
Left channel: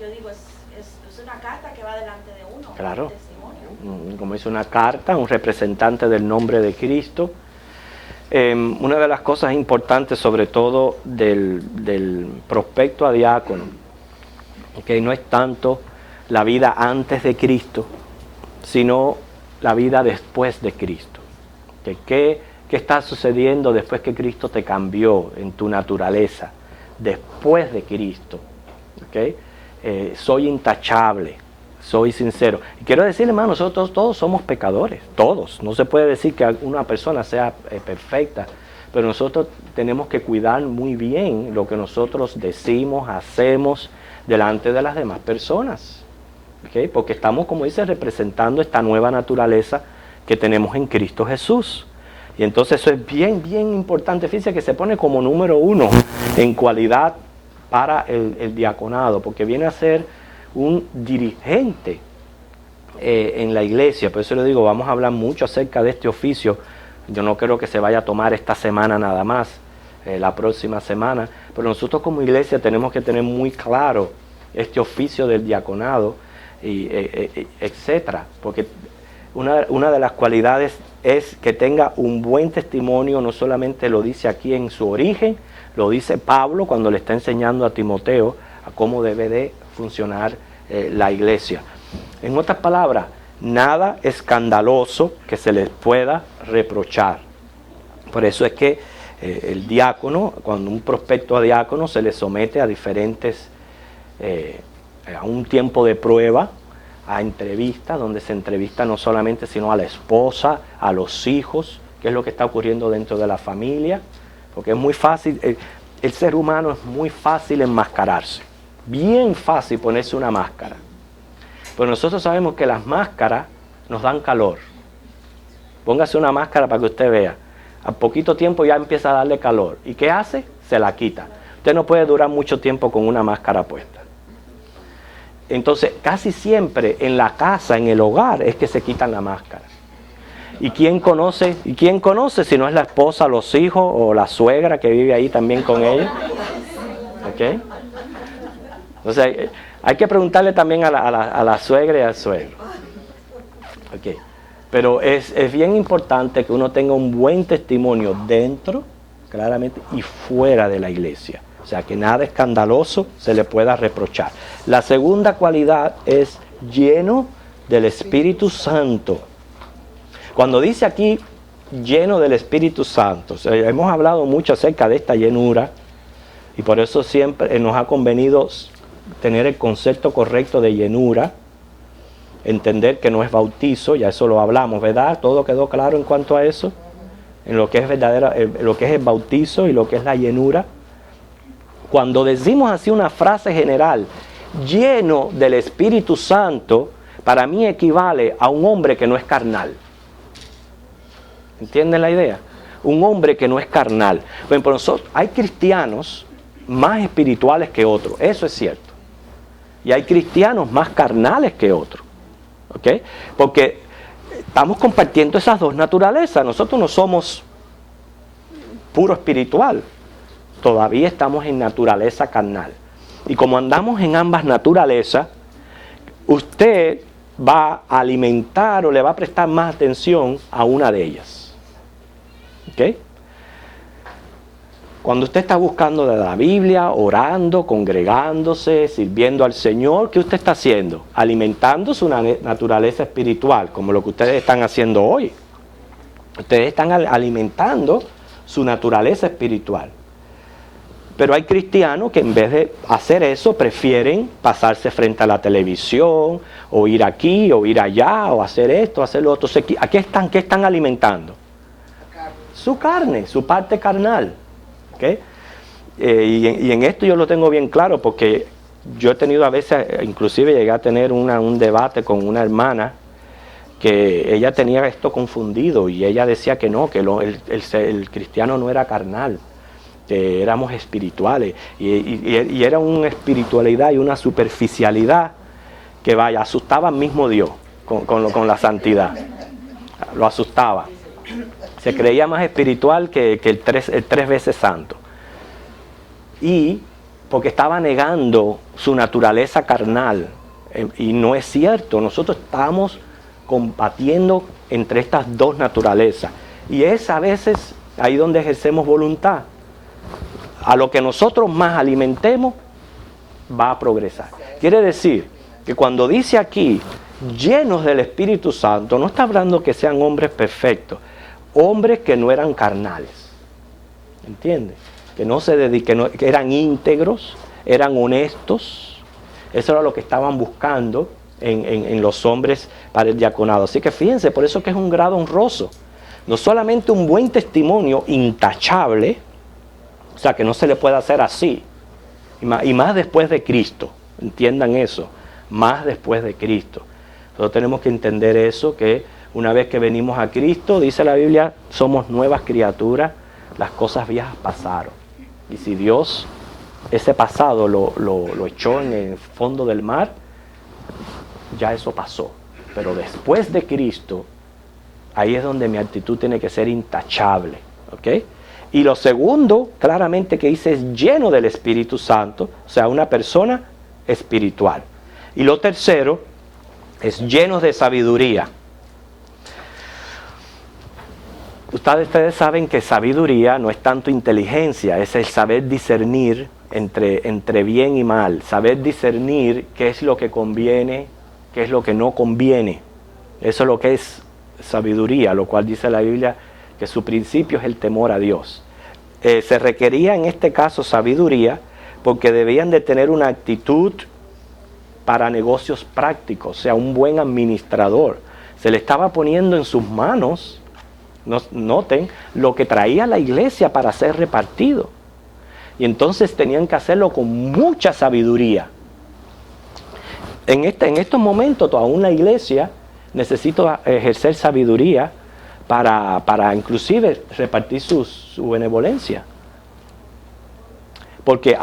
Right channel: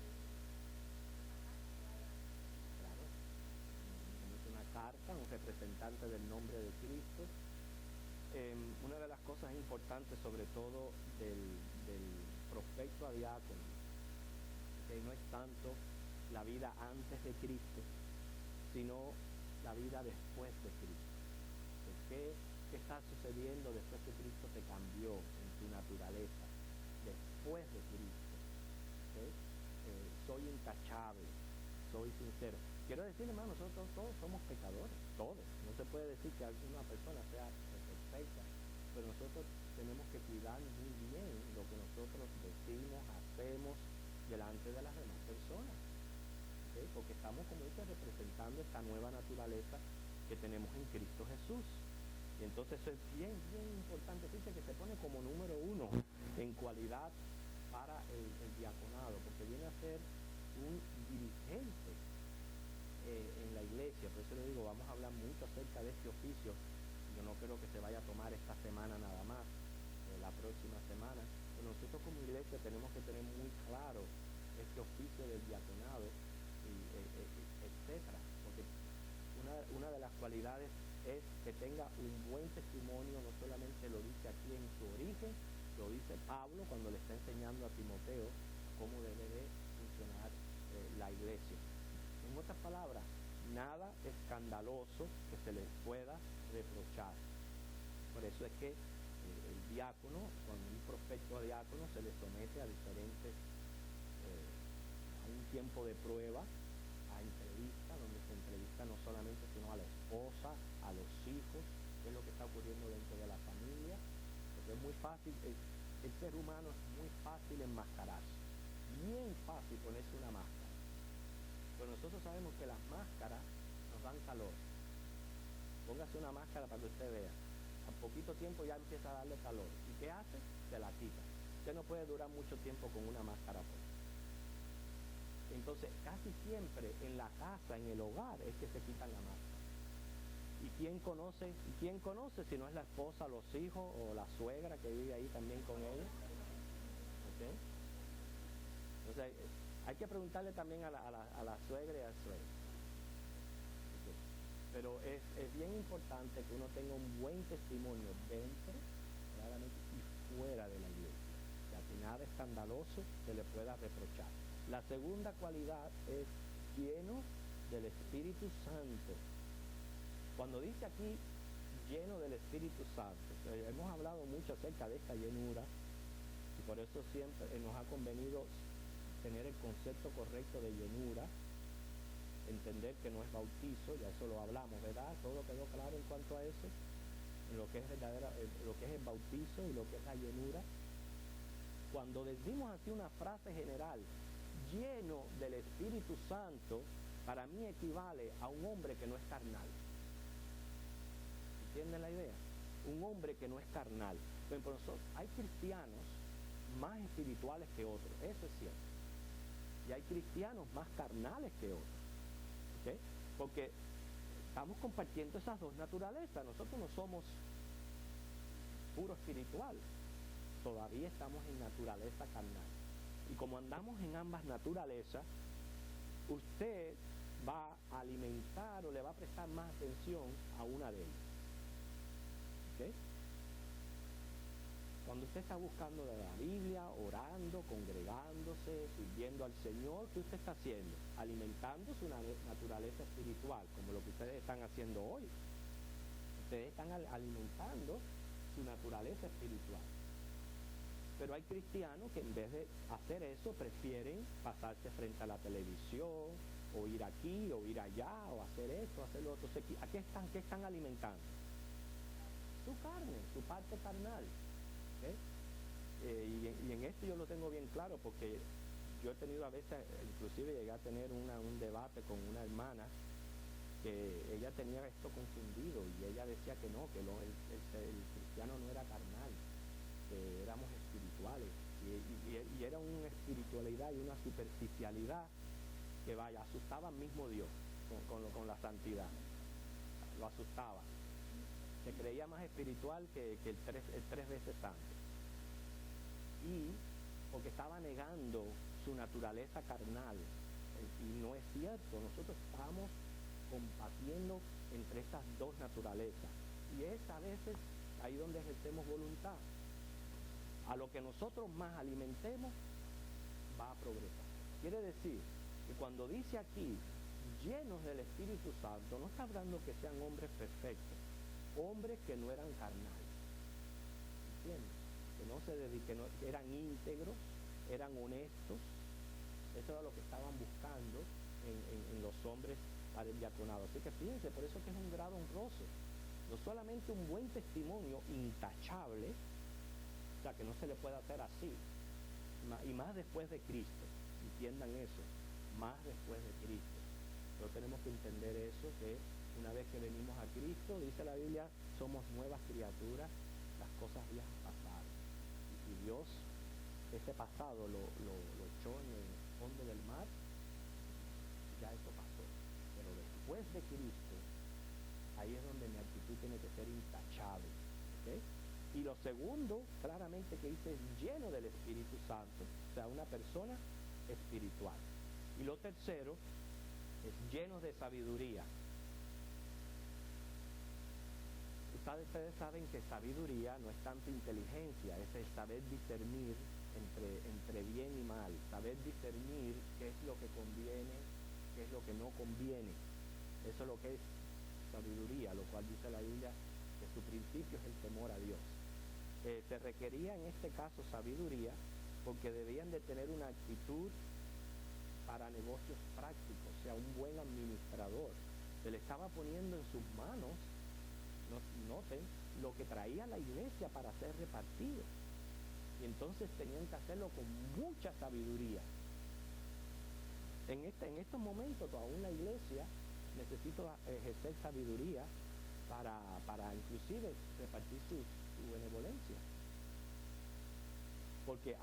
Yo digo, es una carta que va delante de uno. Claro. El testimonio. Como es una carta, un representante del nombre de Cristo. Una de las cosas importantes, sobre todo del prospecto a diácono, que no es tanto la vida antes de Cristo, sino la vida después de Cristo. ¿Qué está sucediendo después que Cristo te cambió en tu naturaleza? Después de Cristo. ¿Okay? Soy intachable, soy sincero. Y quiero decir, hermano, nosotros todos somos pecadores, todos. No se puede decir que una persona sea perfecta, pero nosotros tenemos que cuidar muy bien lo que nosotros decimos, hacemos delante de las demás personas. ¿Okay? Porque estamos, como dice, representando esta nueva naturaleza que tenemos en Cristo Jesús. Y entonces eso es bien, bien importante. Fíjense que se pone como número 1 en cualidad para el diaconado, porque viene a ser un dirigente en la iglesia. Por eso le digo, vamos a hablar mucho acerca de este oficio. Yo no creo que se vaya a tomar esta semana nada más, la próxima semana, pero nosotros como iglesia tenemos que tener muy claro este oficio del diaconado, y etcétera, porque una de las cualidades es que tenga un buen testimonio. No solamente lo dice aquí en su origen, lo dice Pablo cuando le está enseñando a Timoteo a cómo debe de funcionar la iglesia. En otras palabras, nada escandaloso que se les pueda reprochar. Por eso es que el diácono, cuando un prospecto a diácono se le somete a diferentes, a un tiempo de prueba, a entrevistas, donde se entrevista no solamente sino a la esposa, a los hijos, qué es lo que está ocurriendo dentro de la familia, porque es muy fácil, el ser humano es muy fácil enmascararse, bien fácil ponerse una máscara, pero nosotros sabemos que las máscaras nos dan calor. Póngase una máscara para que usted vea, a poquito tiempo ya empieza a darle calor, ¿y qué hace? Se la quita. Usted no puede durar mucho tiempo con una máscara puesta. Entonces, casi siempre en la casa, en el hogar, es que se quitan la máscara. ¿Y quién conoce si no es la esposa, los hijos o la suegra que vive ahí también con ellos? ¿Okay? Entonces, hay que preguntarle también a la suegra y al suegro. Okay. Pero es bien importante que uno tenga un buen testimonio dentro, claramente, y fuera de la iglesia. O sea, que nada escandaloso se le pueda reprochar. La segunda cualidad es lleno del Espíritu Santo. Cuando dice aquí lleno del Espíritu Santo, hemos hablado mucho acerca de esta llenura y por eso siempre nos ha convenido tener el concepto correcto de llenura, entender que no es bautizo, ya eso lo hablamos, ¿verdad? Todo quedó claro en cuanto a eso, en lo que es verdadera, lo que es el bautizo y lo que es la llenura. Cuando decimos así una frase general, lleno del Espíritu Santo, para mí equivale a un hombre que no es carnal. ¿Entienden la idea? Un hombre que no es carnal. Bueno, por nosotros, hay cristianos más espirituales que otros, eso es cierto. Y hay cristianos más carnales que otros. ¿Ok? Porque estamos compartiendo esas dos naturalezas. Nosotros no somos puro espiritual. Todavía estamos en naturaleza carnal. Y como andamos en ambas naturalezas, usted va a alimentar o le va a prestar más atención a una de ellas. ¿Ok? Cuando usted está buscando de la Biblia, orando, congregándose, sirviendo al Señor, ¿qué usted está haciendo? Alimentando su naturaleza espiritual, como lo que ustedes están haciendo hoy. Ustedes están alimentando su naturaleza espiritual. Pero hay cristianos que en vez de hacer eso, prefieren pasarse frente a la televisión, o ir aquí, o ir allá, o hacer esto, hacer lo otro. ¿Qué están alimentando? Su carne, su parte carnal. ¿Okay? Y en esto yo lo tengo bien claro, porque yo he tenido a veces, inclusive llegué a tener un debate con una hermana, que ella tenía esto confundido, y ella decía que no, que el cristiano no era carnal, que éramos espirituales, y era una espiritualidad y una superficialidad que vaya, asustaba al mismo Dios con la santidad, lo asustaba. Se creía más espiritual que el tres veces santo. Y porque estaba negando su naturaleza carnal. Y no es cierto, nosotros estamos combatiendo entre estas dos naturalezas. Y es a veces ahí donde ejercemos voluntad. A lo que nosotros más alimentemos, va a progresar. Quiere decir que cuando dice aquí, llenos del Espíritu Santo, no está hablando que sean hombres perfectos. Hombres que no eran carnales, ¿entiendes? Que no se dediquen, que eran íntegros, eran honestos. Eso era lo que estaban buscando en los hombres para el diaconado. Así que fíjense, por eso que es un grado honroso. No solamente un buen testimonio intachable, o sea, que no se le puede hacer así, y más después de Cristo, entiendan eso, más después de Cristo. Nosotros tenemos que entender eso, que una vez que venimos a Cristo, dice la Biblia, somos nuevas criaturas, las cosas viejas pasaron. Y si Dios ese pasado lo echó en el fondo del mar, ya eso pasó. Pero después de Cristo, ahí es donde mi actitud tiene que ser intachable. ¿Ok? Y lo segundo, claramente que dice, es lleno del Espíritu Santo, o sea, una persona espiritual. Y lo tercero, es lleno de sabiduría. Ustedes saben que sabiduría no es tanto inteligencia, es el saber discernir entre bien y mal, saber discernir qué es lo que conviene, qué es lo que no conviene. Eso es lo que es sabiduría, lo cual dice la Biblia que su principio es el temor a Dios. Se requería en este caso sabiduría porque debían de tener una actitud para negocios prácticos, o sea, un buen administrador. Se le estaba poniendo en sus manos, noten, lo que traía la iglesia para ser repartido. Y entonces tenían que hacerlo con mucha sabiduría. En estos momentos, aún la iglesia necesita ejercer sabiduría para inclusive repartir su benevolencia. Porque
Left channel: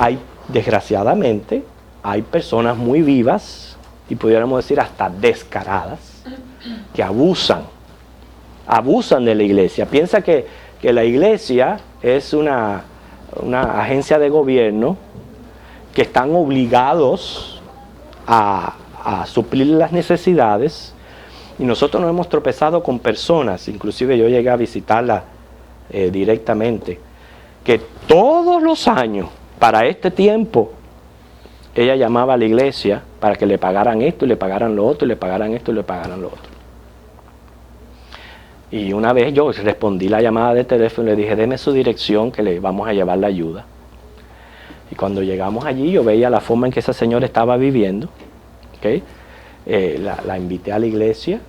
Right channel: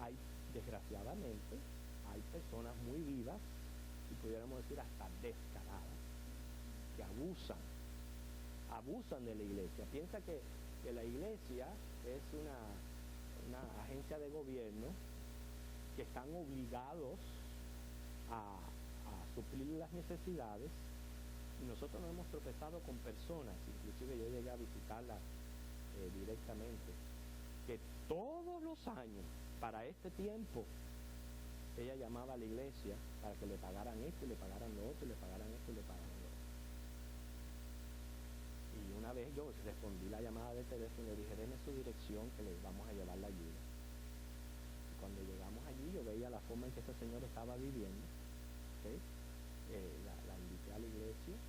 desgraciadamente, hay personas muy vivas, y pudiéramos decir hasta descaradas, que abusan de la iglesia. Piensa que la iglesia es una agencia de gobierno que están obligados a suplir las necesidades, y nosotros nos hemos tropezado con personas, inclusive yo llegué a visitarla directamente, que todos los años, para este tiempo, ella llamaba a la iglesia para que le pagaran esto y le pagaran lo otro, y le pagaran esto y le pagaran lo otro. Y una vez yo respondí la llamada de teléfono y le dije, deme su dirección que le vamos a llevar la ayuda. Y cuando llegamos allí yo veía la forma en que esa señora estaba viviendo. ¿Okay? La invité a la iglesia,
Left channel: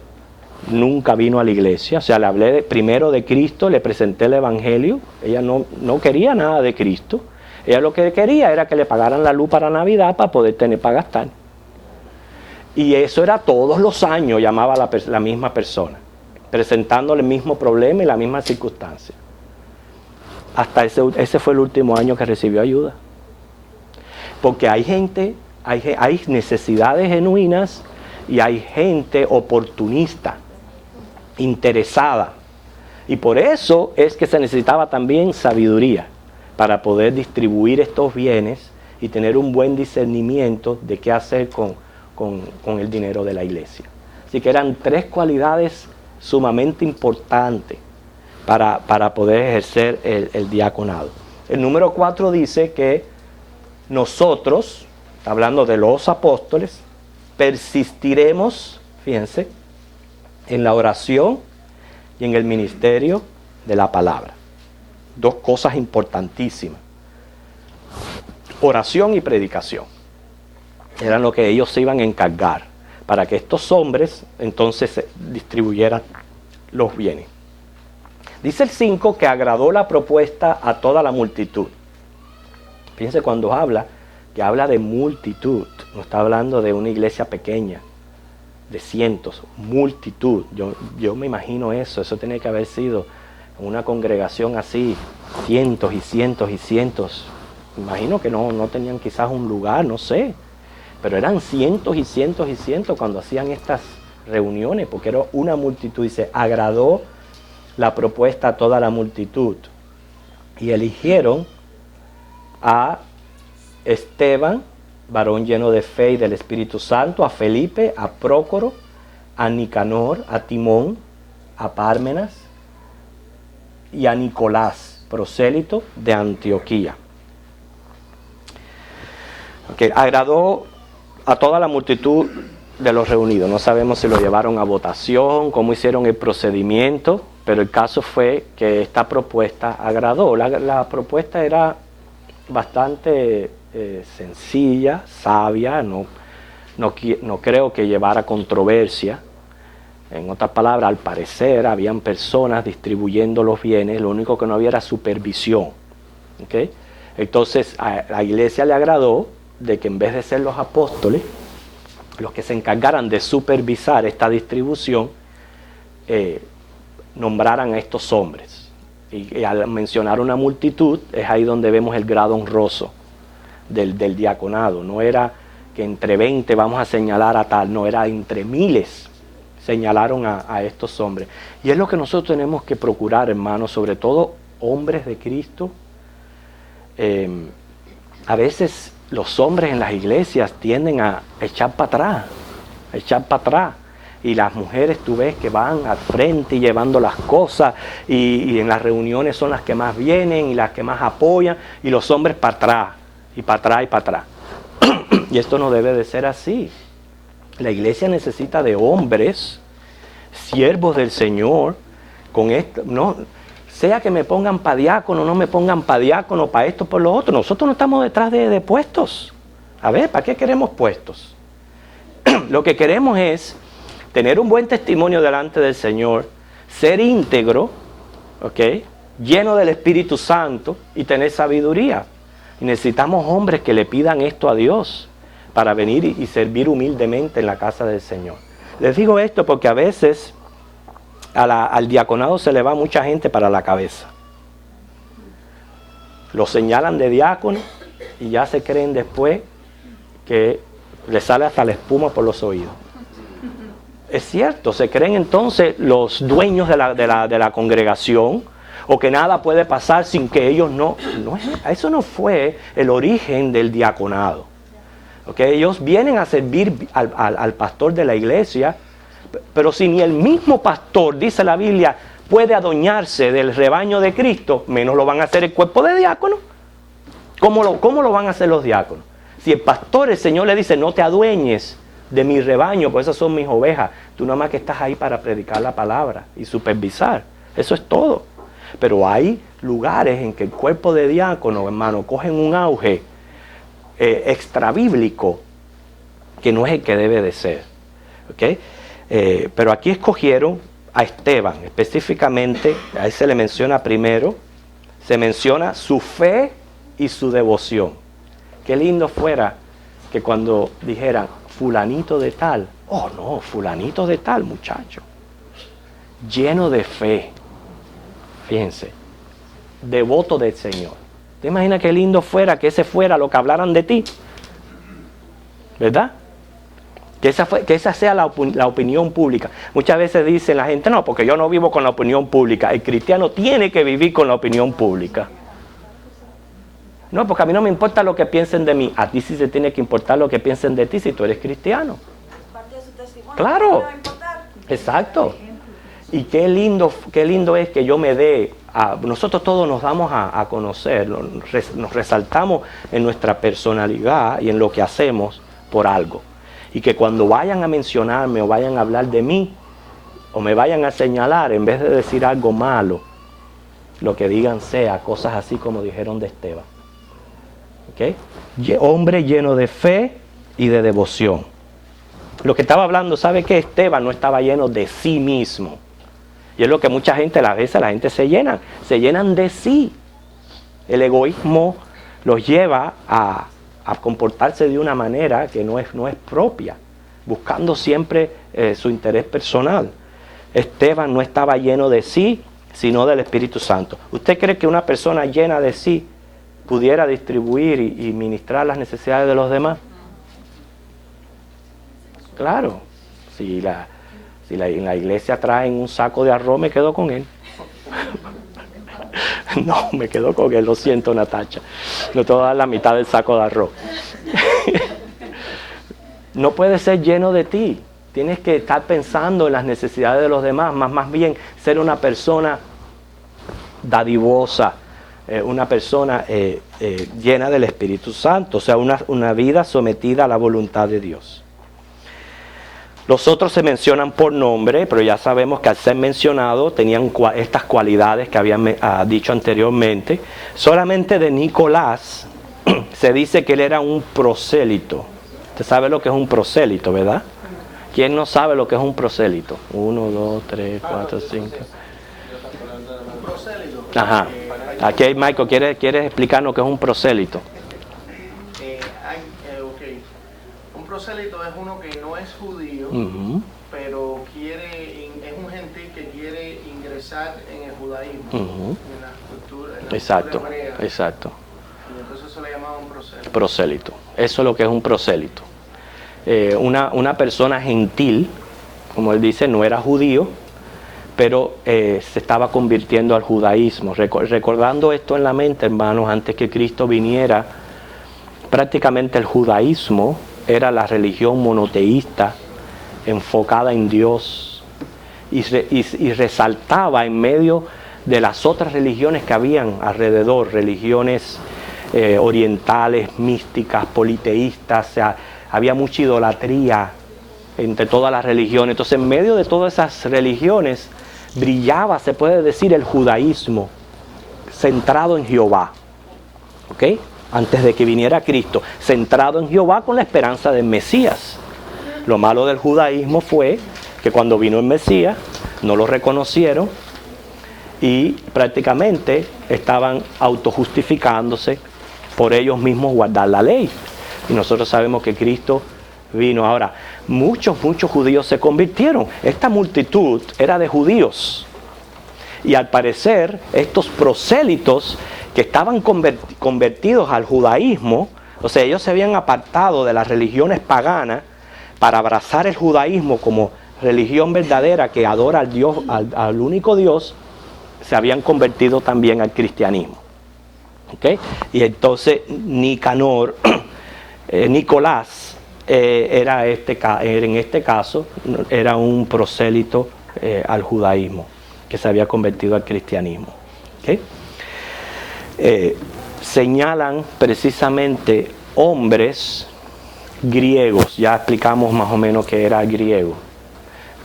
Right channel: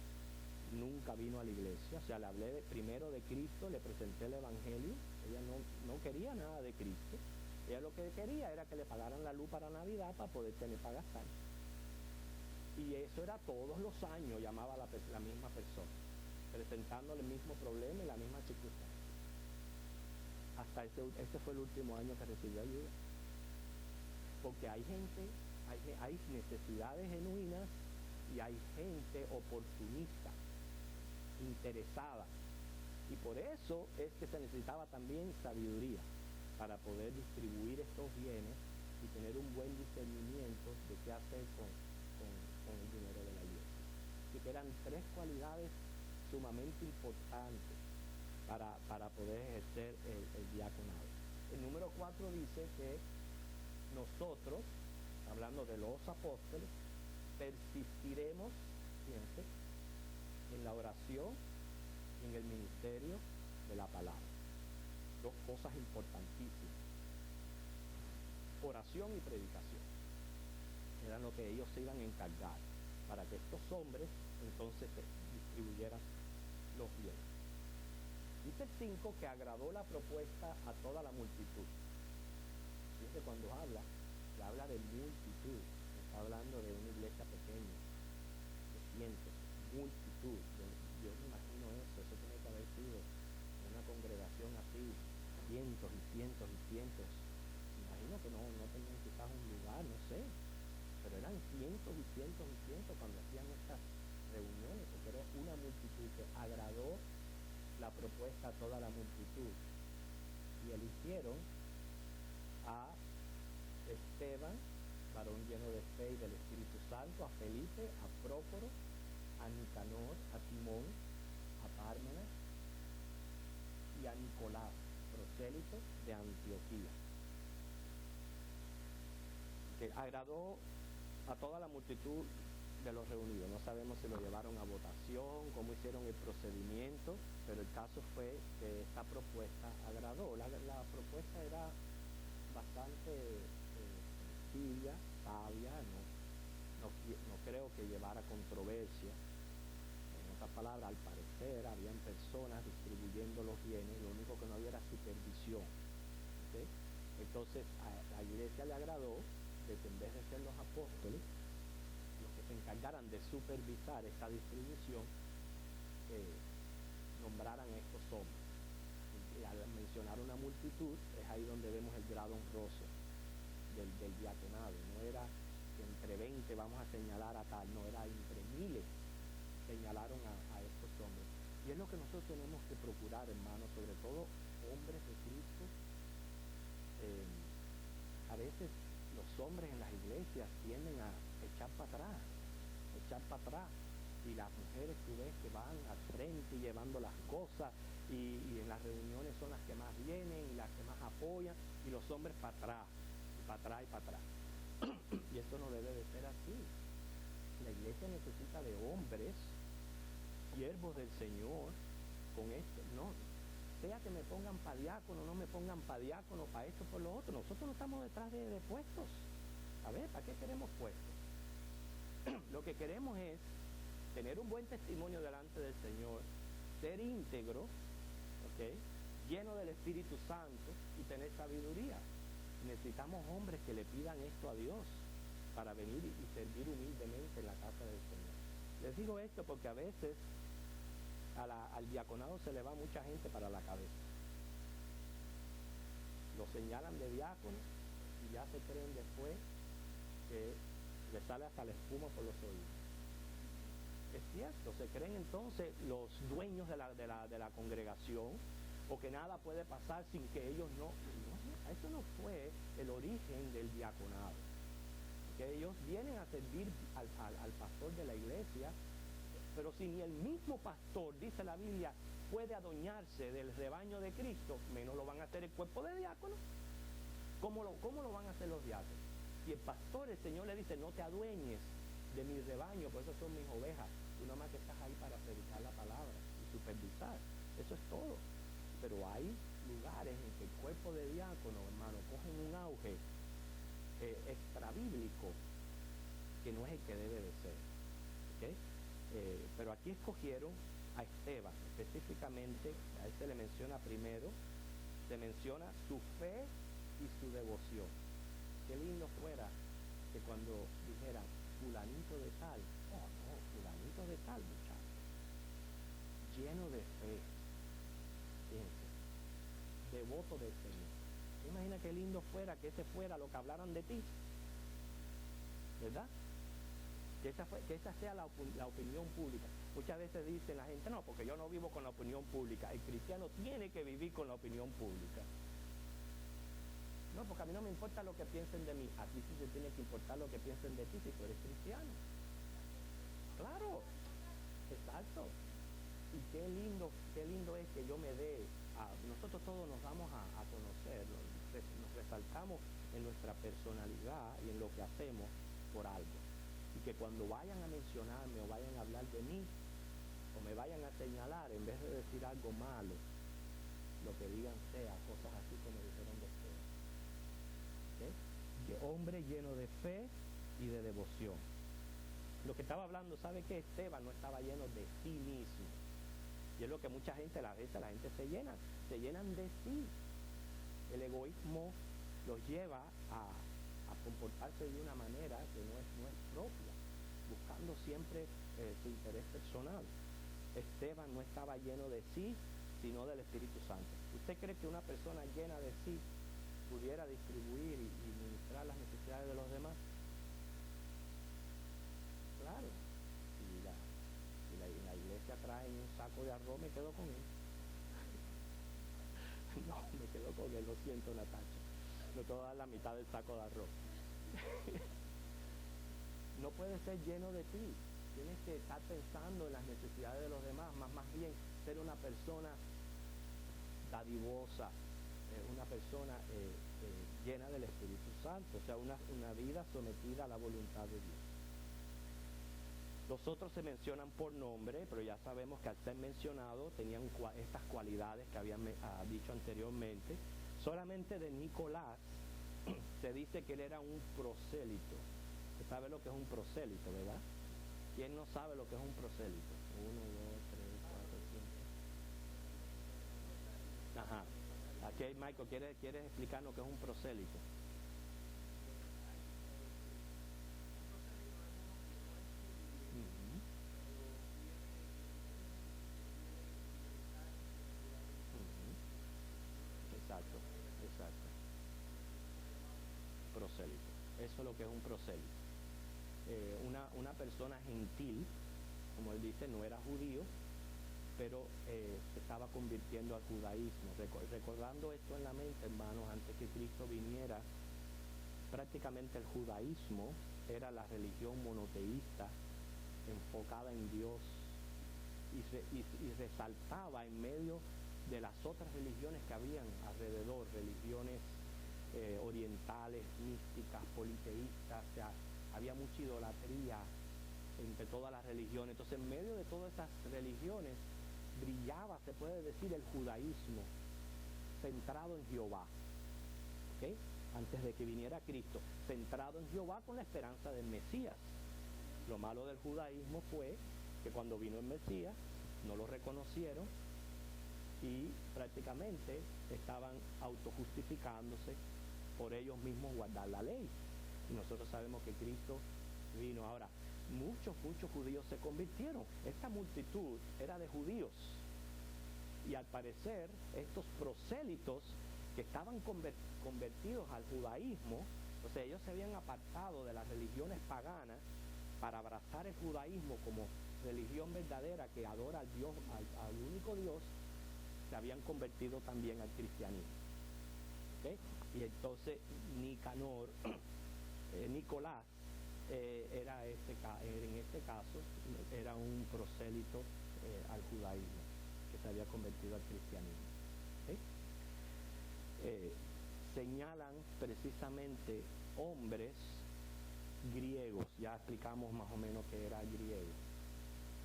nunca vino a la iglesia, o sea, le hablé primero de Cristo, le presenté el Evangelio, ella no quería nada de Cristo, ella lo que quería era que le pagaran la luz para Navidad para poder tener para gastar. Y eso era todos los años, llamaba a la misma persona, presentándole el mismo problema y la misma circunstancia. Hasta ese fue el último año que recibió ayuda. Porque hay gente, hay necesidades genuinas y hay gente oportunista, interesada. Y por eso es que se necesitaba también sabiduría para poder distribuir estos bienes y tener un buen discernimiento de qué hacer con el dinero de la iglesia. Así que eran 3 cualidades sumamente importantes para poder ejercer el diaconado. el número 4 dice que nosotros, hablando de los apóstoles, persistiremos, fíjense, en la oración y en el ministerio de la palabra. Dos cosas importantísimas. Oración y predicación. Eran lo que ellos se iban a encargar para que estos hombres entonces distribuyeran los bienes. Dice el 5 que agradó la propuesta a toda la multitud. Fíjense cuando habla, que habla de multitud, no está hablando de una iglesia pequeña, de cientos, multitud. Yo me imagino eso tiene que haber sido una congregación así, cientos y cientos y cientos. Imagino que no tenían quizás un lugar, no sé, pero eran cientos y cientos y cientos cuando hacían estas reuniones, porque era una multitud. Dice, agradó la propuesta a toda la multitud. Y eligieron a Esteban, varón lleno de fe y del Espíritu Santo, a Felipe, a Prócoro, a Nicanor, a Timón, a Pármenas y a Nicolás, prosélito de Antioquía. Agradó a toda la multitud de los reunidos. No sabemos si lo llevaron a votación, cómo hicieron el procedimiento, pero el caso fue que esta propuesta agradó. La propuesta era bastante sencilla, sabia, no creo que llevara controversia. En otras palabras, al parecer, habían personas distribuyendo los bienes, lo único que no había era supervisión. ¿Okay? Entonces, a la iglesia le agradó de que en vez de ser los apóstoles, los que se encargaran de supervisar esta distribución, nombraran a estos hombres. Y al mencionar una multitud, es ahí donde vemos el grado honroso del diaconado. No era que entre 20 vamos a señalar a tal, no, era entre miles señalaron a estos hombres. Y es lo que nosotros tenemos que procurar, hermanos, sobre todo hombres de Cristo. A veces los hombres en las iglesias tienden a echar para atrás, y las mujeres tú ves que van al frente y llevando las cosas, y en las reuniones son las que más vienen y las que más apoyan, y los hombres para atrás, y para atrás, y para atrás. Y esto no debe de ser así. La iglesia necesita de hombres, siervos del Señor, con esto, no, sea que me pongan para diácono, no me pongan para diácono, para esto, por lo otro. Nosotros no estamos detrás de puestos. A ver, ¿para qué queremos puestos? Lo que queremos es tener un buen testimonio delante del Señor, ser íntegro, ¿ok?, lleno del Espíritu Santo y tener sabiduría. Y necesitamos hombres que le pidan esto a Dios para venir y servir humildemente en la casa del Señor. Les digo esto porque a veces al diaconado se le va mucha gente para la cabeza. Lo señalan de diácono y ya se creen después que le sale hasta la espuma por los oídos. Es cierto, se creen entonces los dueños de la congregación, o que nada puede pasar sin que ellos eso no fue el origen del diaconado. ¿Okay? Ellos vienen a servir al pastor de la iglesia, pero si ni el mismo pastor, dice la Biblia, puede adueñarse del rebaño de Cristo, menos lo van a hacer el cuerpo de diáconos. ¿Cómo lo van a hacer los diáconos? Si el pastor, el Señor le dice, no te adueñes de mi rebaño, pues esas son mis ovejas, tú nada más que estás ahí para predicar la palabra y supervisar, eso es todo. Pero hay lugares en que el cuerpo de diácono, hermano, cogen un auge extrabíblico que no es el que debe de ser. ¿Okay? Pero aquí escogieron a Esteban, específicamente, a él se le menciona primero, se menciona su fe y su devoción. Qué lindo fuera que cuando dijeran, fulanito de tal, oh no, fulanito de tal, muchacho, lleno de fe, fíjense, devoto del Señor. ¿Te imaginas qué lindo fuera que ese fuera lo que hablaran de ti? ¿Verdad? Que esa sea la opinión pública. Muchas veces dice la gente, no, porque yo no vivo con la opinión pública. El cristiano tiene que vivir con la opinión pública. No, porque a mí no me importa lo que piensen de mí. A ti sí se tiene que importar lo que piensen de ti si tú eres cristiano. Parte de su testimonio. Claro. No va a importar. Exacto. Y qué lindo es que yo me dé, nosotros todos nos damos a conocer, nos resaltamos en nuestra personalidad y en lo que hacemos por algo. Y que cuando vayan a mencionarme o vayan a hablar de mí, o me vayan a señalar, en vez de decir algo malo, lo que digan sea cosas así como dijeron de Esteban. ¿Okay? Hombre lleno de fe y de devoción. Lo que estaba hablando, ¿sabe qué? Esteban no estaba lleno de sí mismo. Y es lo que mucha gente, a veces la gente se llenan de sí. El egoísmo los lleva a comportarse de una manera que no es propia, buscando siempre su interés personal. Esteban no estaba lleno de sí, sino del Espíritu Santo. ¿Usted cree que una persona llena de sí pudiera distribuir y ministrar las necesidades de los demás? Claro, si en la iglesia traen un saco de arroz, me quedo con él. No, me quedo con él, lo siento, Natacha. No te voy a dar la mitad del saco de arroz. No puedes ser lleno de ti. Tienes que estar pensando en las necesidades de los demás, más bien ser una persona dadivosa, una persona llena del Espíritu Santo, o sea, una vida sometida a la voluntad de Dios. Los otros se mencionan por nombre, pero ya sabemos que al ser mencionados tenían estas cualidades que habían dicho anteriormente. Solamente de Nicolás se dice que él era un prosélito. Usted sabe lo que es un prosélito, ¿verdad? ¿Quién no sabe lo que es un prosélito? 1, 2, 3, 4, 5. Un prosélito. Ajá. Aquí, Michael, ¿quieres explicar lo que es un prosélito? Un prosélito es uno que no es judío, pero es un gentil que quiere ingresar en el judaísmo, en la cultura hebrea. Exacto. Y entonces eso le llamaban prosélito. Prosélito. Eso es lo que es un prosélito. Una persona gentil, como él dice, no era judío, pero se estaba convirtiendo al judaísmo. Recordando esto en la mente, hermanos, antes que Cristo viniera, prácticamente el judaísmo era la religión monoteísta, enfocada en Dios, y resaltaba en medio de las otras religiones que habían alrededor, religiones orientales, místicas, politeístas. O sea, había mucha idolatría entre todas las religiones. Entonces, en medio de todas esas religiones brillaba, se puede decir, el judaísmo centrado en Jehová. ¿Ok? Antes de que viniera Cristo, centrado en Jehová con la esperanza del Mesías. Lo malo del judaísmo fue que cuando vino el Mesías no lo reconocieron y prácticamente estaban autojustificándose por ellos mismos guardar la ley. Y nosotros sabemos que Cristo vino. Ahora, muchos judíos se convirtieron. Esta multitud era de judíos. Y al parecer, estos prosélitos que estaban convertidos al judaísmo, o sea, ellos se habían apartado de las religiones paganas para abrazar el judaísmo como religión verdadera que adora al Dios, al único Dios, se habían convertido también al cristianismo. ¿Okay? Y entonces Nicolás en este caso era un prosélito al judaísmo que se había convertido al cristianismo. ¿Okay? Señalan precisamente hombres griegos. Ya explicamos más o menos que era griego.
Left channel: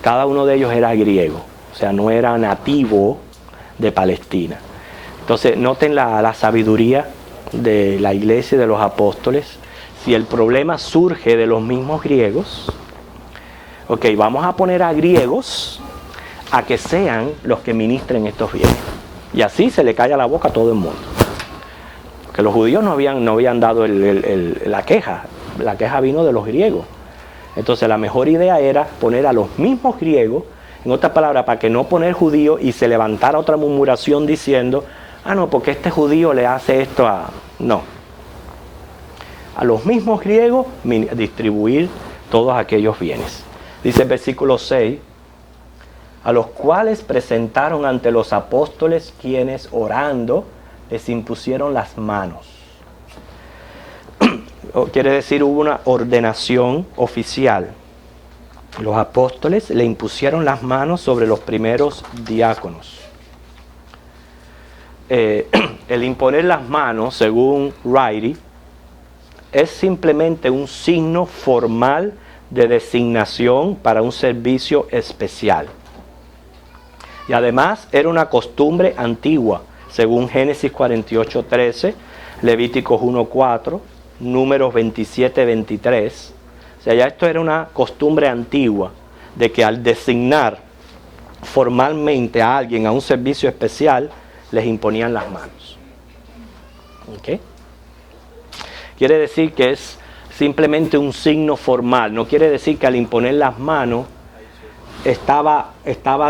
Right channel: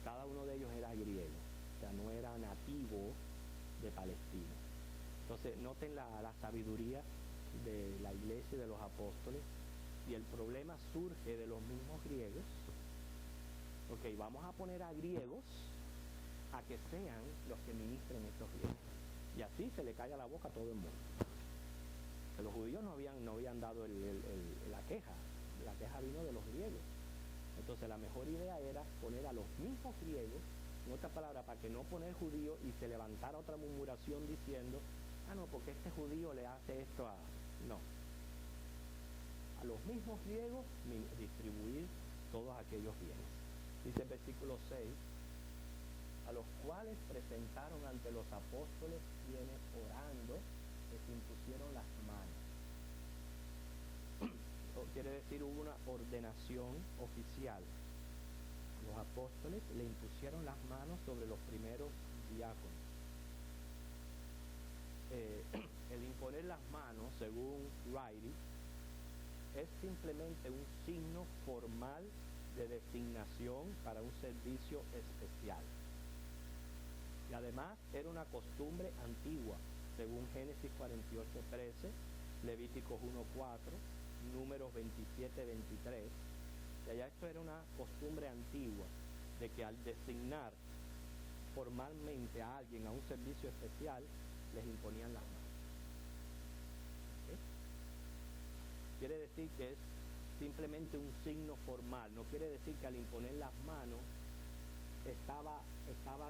Cada uno de ellos era griego, o sea, no era nativo de Palestina. Entonces, noten la sabiduría de la iglesia y de los apóstoles. Si el problema surge de los mismos griegos, ok, vamos a poner a griegos a que sean los que ministren estos bienes. Y así se le calla la boca a todo el mundo. Porque los judíos no habían dado la queja. La queja vino de los griegos. Entonces la mejor idea era poner a los mismos griegos, en otras palabras, para que no poner judío y se levantara otra murmuración diciendo, no, porque este judío le hace esto a... No. A los mismos griegos distribuir todos aquellos bienes. Dice el versículo 6, a los cuales presentaron ante los apóstoles, quienes orando les impusieron las manos. Quiere decir, hubo una ordenación oficial. los apóstoles le impusieron las manos sobre los primeros diáconos. El imponer las manos, según Riley, es simplemente un signo formal de designación para un servicio especial. Y además era una costumbre antigua, según Génesis 48:13, Levíticos 1:4, Números 27:23. O sea, ya esto era una costumbre antigua de que al designar formalmente a alguien a un servicio especial, les imponían las manos. ¿Okay? Quiere decir que es simplemente un signo formal. No quiere decir que al imponer las manos estaba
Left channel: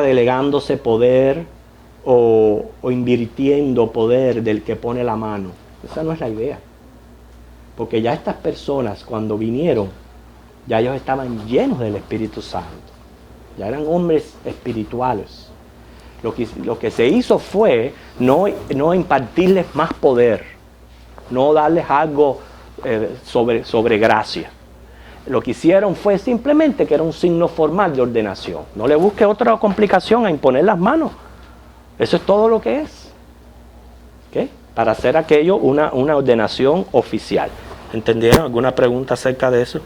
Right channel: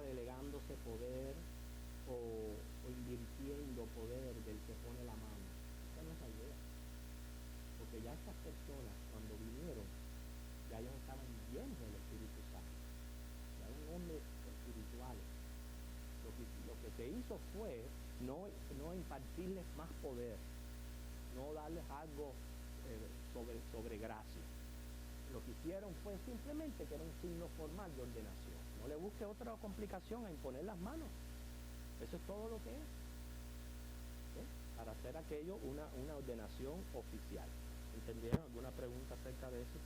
delegándose poder o invirtiendo poder del que pone la mano. Esa no es la idea. Porque ya estas personas, cuando vinieron, ya ellos estaban llenos del Espíritu Santo. Ya eran hombres espirituales. Lo que se hizo fue no impartirles más poder, no darles algo sobre gracia. Lo que hicieron fue simplemente que era un signo formal de ordenación. No le busque otra complicación a imponer las manos. Eso es todo lo que es. ¿Okay? Para hacer aquello una ordenación oficial. ¿Entendieron? ¿Alguna pregunta acerca de eso?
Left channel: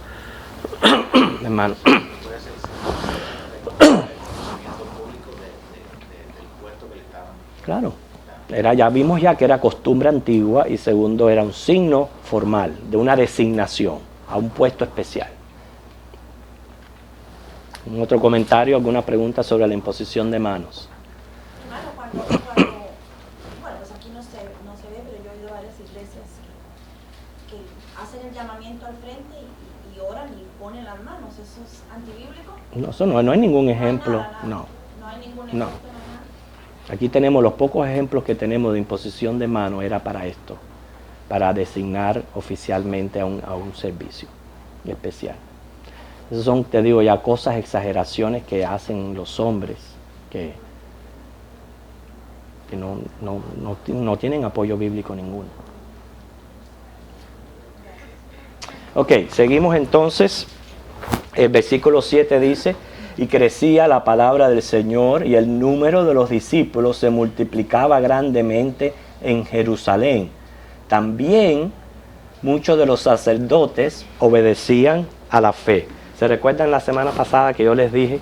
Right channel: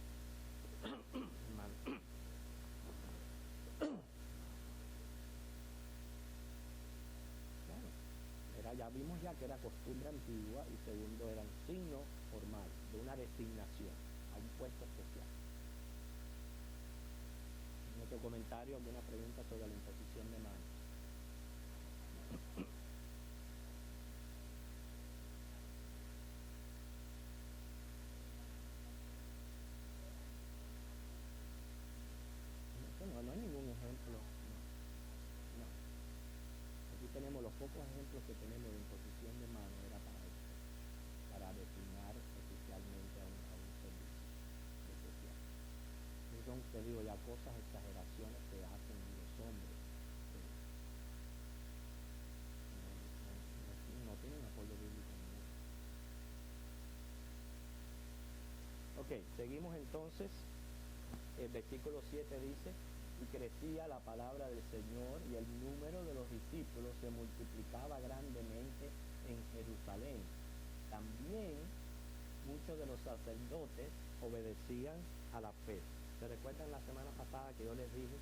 Hermano. Claro, ya vimos ya que era costumbre antigua y segundo era un signo formal de una designación a un puesto especial. ¿Un otro comentario, alguna pregunta sobre la imposición de manos? Hermano, bueno, pues aquí no se ve, pero yo he ido a varias iglesias que hacen el llamamiento al frente y oran y ponen las manos. ¿Eso es antibíblico? No, eso no hay ningún ejemplo, no. No hay ningún ejemplo. No. Aquí tenemos los pocos ejemplos que tenemos de imposición de mano, era para esto, para designar oficialmente a un servicio especial. Esas son, te digo, ya cosas, exageraciones que hacen los hombres que no tienen apoyo bíblico ninguno. Ok, seguimos entonces. El versículo 7 dice: y crecía la palabra del Señor y el número de los discípulos se multiplicaba grandemente en Jerusalén. También muchos de los sacerdotes obedecían a la fe. ¿Se recuerdan la semana pasada que yo les dije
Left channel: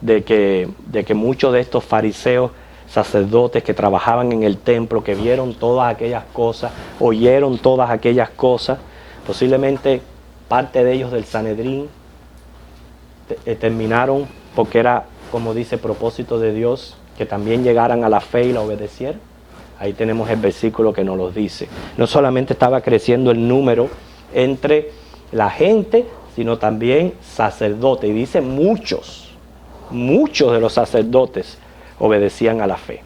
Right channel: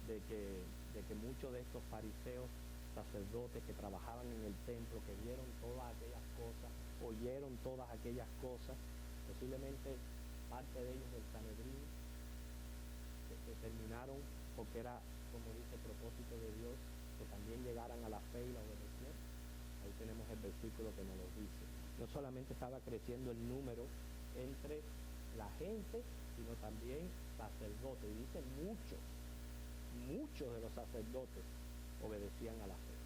de que muchos de estos fariseos, sacerdotes que trabajaban en el templo, que vieron todas aquellas cosas, oyeron todas aquellas cosas, posiblemente parte de ellos del Sanedrín, terminaron, porque era, como dice, propósito de Dios, que también llegaran a la fe y la obedecieran? Ahí tenemos el versículo que nos lo dice. No solamente estaba creciendo el número entre la gente, sino también sacerdotes. Y dice muchos de los sacerdotes obedecían a la fe.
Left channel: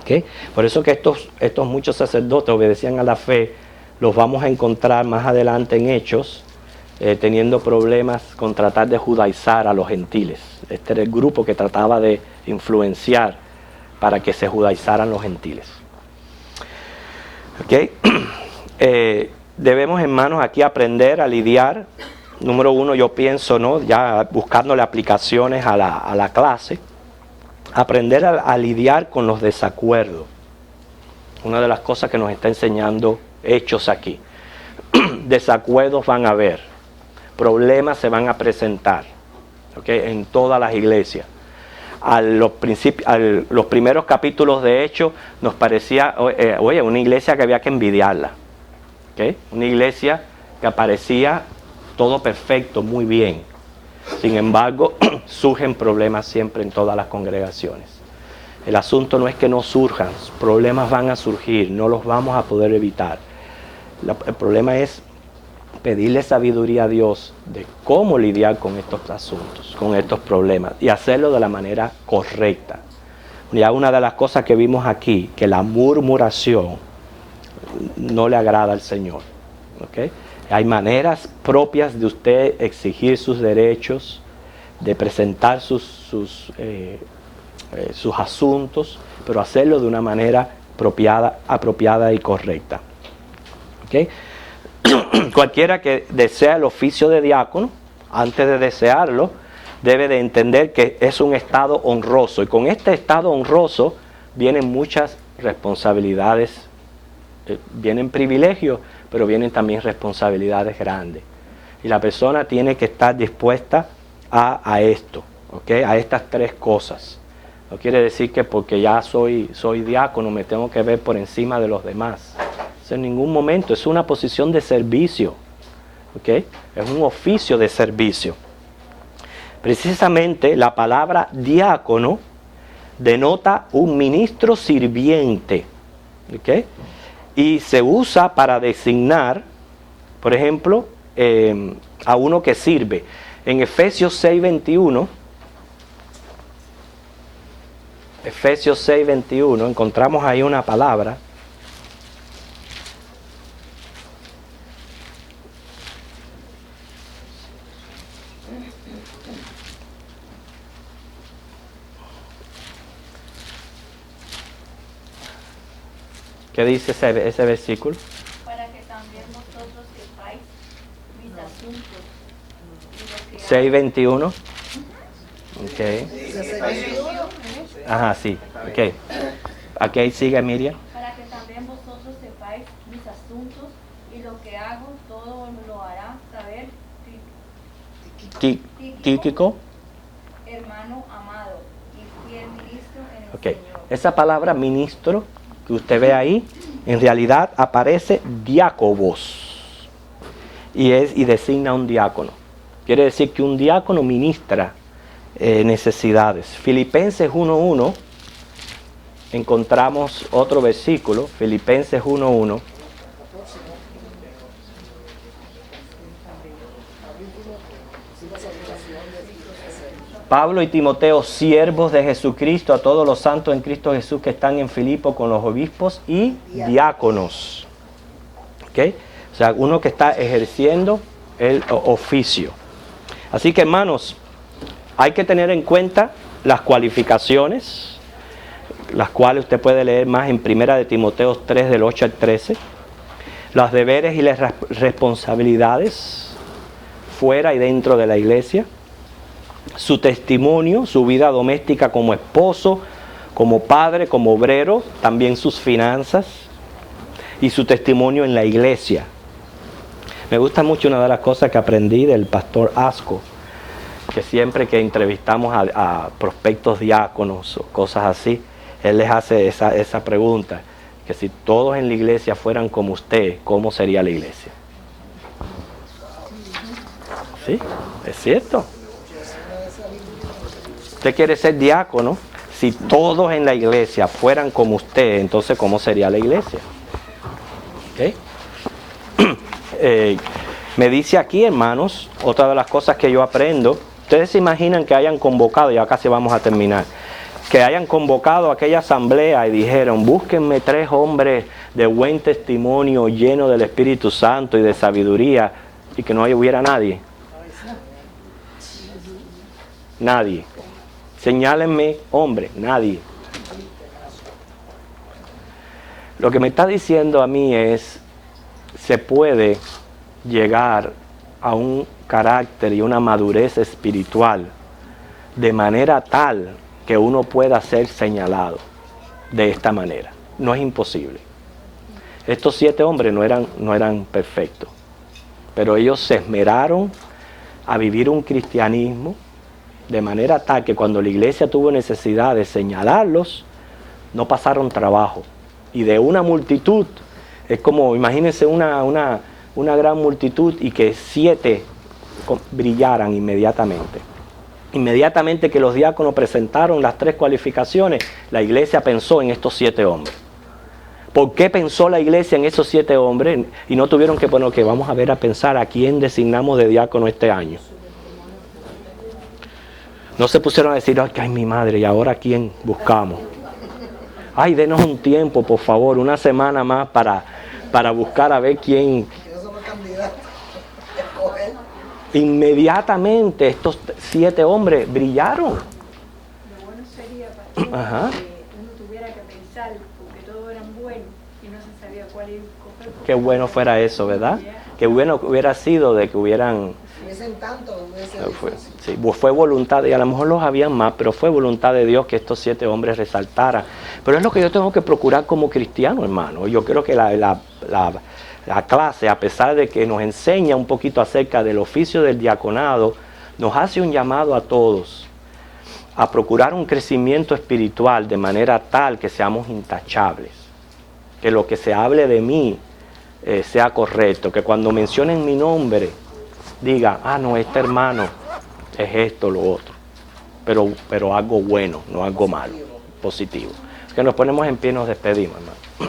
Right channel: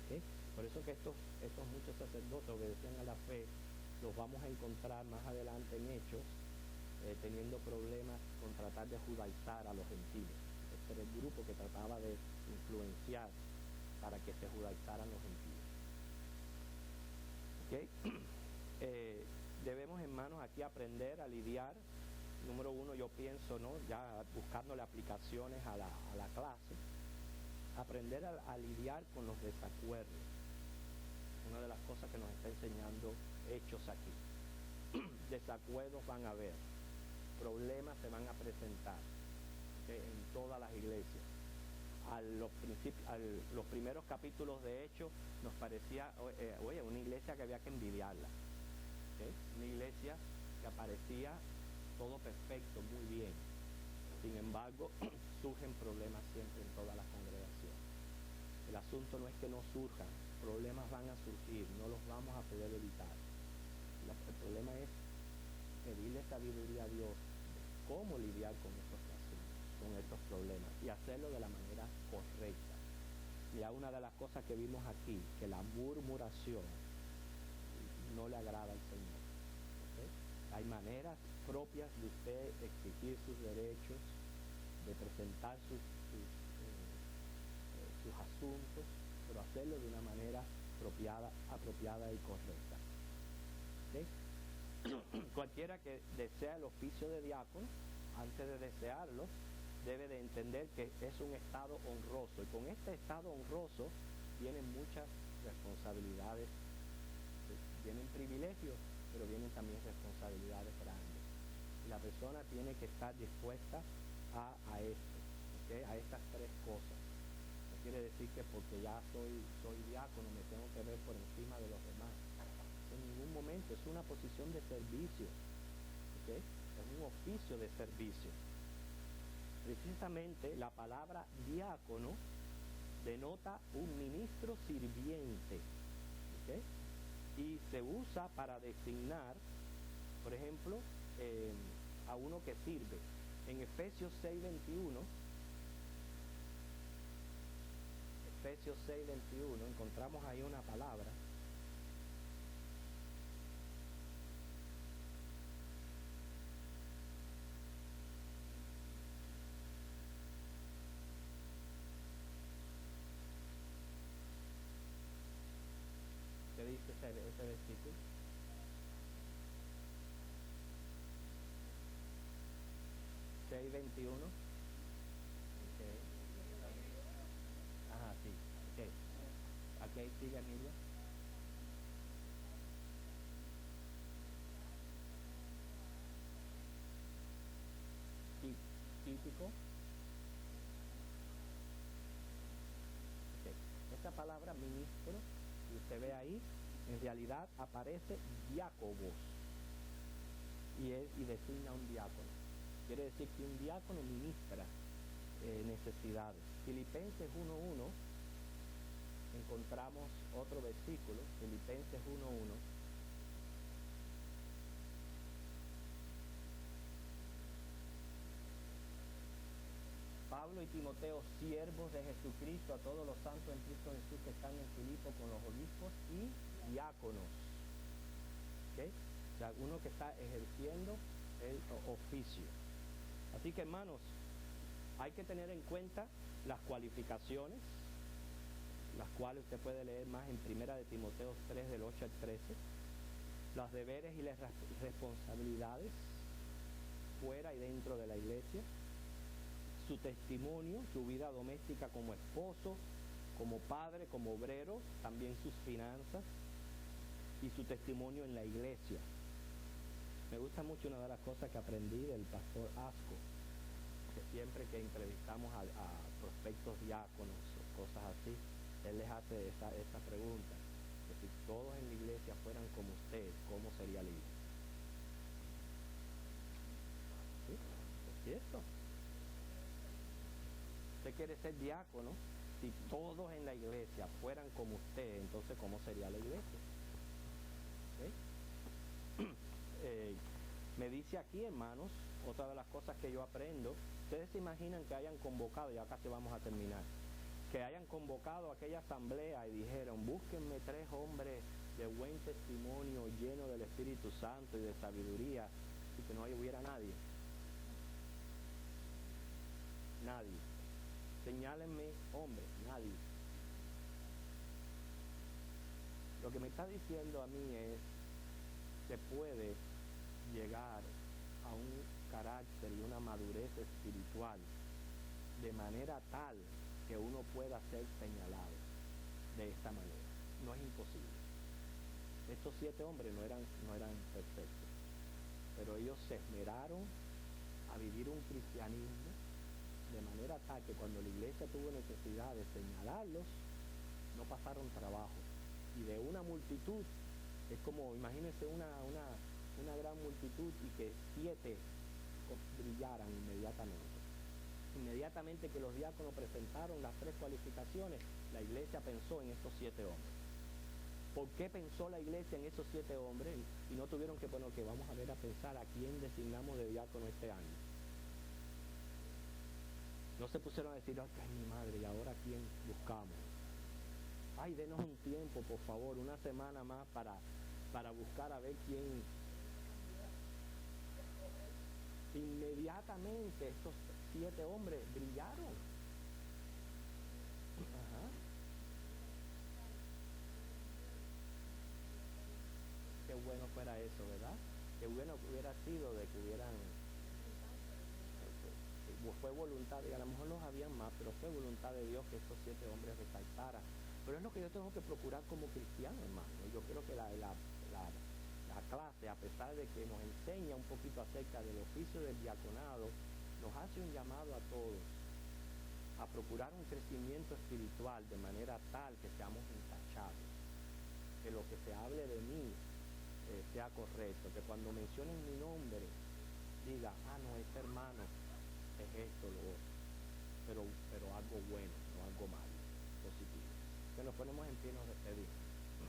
¿Okay? Por eso que estos muchos sacerdotes obedecían a la fe, los vamos a encontrar más adelante en Hechos, teniendo problemas con tratar de judaizar a los gentiles. Este era el grupo que trataba de influenciar para que se judaizaran los gentiles. ¿Okay? Debemos, hermanos, aquí aprender a lidiar. Número uno, yo pienso, ¿no?, ya buscándole aplicaciones a la clase, aprender a lidiar con los desacuerdos. Una de las cosas que nos está enseñando Hechos aquí. Desacuerdos van a haber. Problemas se van a presentar, ¿okay?, en todas las iglesias. Los primeros capítulos de Hechos nos parecía, una iglesia que había que envidiarla, ¿okay? Una iglesia que aparecía todo perfecto, muy bien. Sin embargo, surgen problemas siempre en todas las congregaciones. El asunto no es que no surjan, problemas van a surgir, no los vamos a poder evitar. El problema es pedirle sabiduría a Dios de cómo lidiar con estos asuntos, con estos problemas, y hacerlo de la manera correcta. Ya una de las cosas que vimos aquí, que la murmuración no le agrada al Señor. ¿Okay? Hay maneras propias de usted exigir sus derechos, de presentar sus asuntos, pero hacerlo de una manera apropiada y correcta. ¿Okay? Cualquiera que desea el oficio de diácono, antes de desearlo, debe de entender que es un estado honroso. Y con este estado honroso vienen muchas responsabilidades, vienen privilegios, pero vienen también responsabilidades grandes. Y la persona tiene que estar dispuesta a esto, ¿okay? A estas tres cosas. No quiere decir que porque ya soy diácono me tengo que ver por encima de los demás. Eso en ningún momento, es una posición de servicio, ¿okay? Es un oficio de servicio. Precisamente la palabra diácono denota un ministro sirviente, ¿okay? Y se usa para designar, por ejemplo, a uno que sirve. En Efesios 6:21, encontramos ahí una palabra ¿qué dice ese versículo? Para que también vosotros sepáis mis asuntos. 6:21. Ok. Ajá, sí. Ok. Aquí sigue Miriam. Para que también vosotros sepáis mis asuntos y lo que hago, todo lo hará saber Tíquico. hermano amado y fiel ministro en el Ok. Señor. Esa palabra ministro que usted ve ahí, en realidad aparece diácobos y designa un diácono. Quiere decir que un diácono ministra necesidades. Filipenses 1:1, encontramos otro versículo, Filipenses 1:1. Pablo y Timoteo, siervos de Jesucristo, a todos los santos en Cristo Jesús que están en Filipo con los obispos y diáconos. ¿Okay? O sea, uno que está ejerciendo el oficio. Así que, hermanos, hay que tener en cuenta las cualificaciones, las cuales usted puede leer más en 1 de Timoteo 3, del 8 al 13. Los deberes y las responsabilidades fuera y dentro de la iglesia. Su testimonio, su vida doméstica como esposo, como padre, como obrero, también sus finanzas y su testimonio en la iglesia. Me gusta mucho una de las cosas que aprendí del pastor Asco, que siempre que entrevistamos a prospectos diáconos o cosas así, él les hace esa pregunta, que si todos en la iglesia fueran como usted, ¿cómo sería la iglesia? Sí, es cierto. Usted quiere ser diácono, si todos en la iglesia fueran como usted, entonces ¿cómo sería la iglesia? ¿Okay? Me dice aquí, hermanos, otra de las cosas que yo aprendo, ustedes se imaginan que hayan convocado, ya casi vamos a terminar, que hayan convocado a aquella asamblea y dijeron, búsquenme 3 hombres de buen testimonio, llenos del Espíritu Santo y de sabiduría, y que no hubiera nadie. Nadie. Señálenme, hombre, nadie. Lo que me está diciendo a mí es, se puede llegar a un carácter y una madurez espiritual de manera tal que uno pueda ser señalado de esta manera. No es imposible. Estos 7 hombres no eran perfectos, pero ellos se esmeraron a vivir un cristianismo de manera tal que cuando la iglesia tuvo necesidad de señalarlos, no pasaron trabajo. Y de una multitud, es como, imagínense una gran multitud y que 7 brillaran inmediatamente. Inmediatamente que los diáconos presentaron las 3 cualificaciones, la iglesia pensó en estos 7 hombres. ¿Por qué pensó la iglesia en esos 7 hombres? Y no tuvieron que, bueno, que vamos a ver a pensar a quién designamos de diácono este año. No se pusieron a decir, ay, mi madre, ¿y ahora quién buscamos? Ay, denos un tiempo, por favor, una semana más para buscar a ver quién. Inmediatamente estos 7 hombres brillaron. Lo bueno sería para que uno tuviera que pensar, porque todos eran buenos y no se sabía cuál escoger. Qué bueno fuera eso, ¿verdad? Qué bueno hubiera sido de que hubieran hubiesen tanto, hubiese sí, fue voluntad, y a lo mejor los habían más, pero fue voluntad de Dios que estos 7 hombres resaltaran. Pero es lo que yo tengo que procurar como cristiano, hermano. Yo creo que la clase, a pesar de que nos enseña un poquito acerca del oficio del diaconado, nos hace un llamado a todos a procurar un crecimiento espiritual de manera tal que seamos intachables, que lo que se hable de mí sea correcto, que cuando mencionen mi nombre diga, no, este hermano es esto, lo otro, pero algo bueno, no algo malo, positivo. Que nos ponemos en pie y nos despedimos, hermano.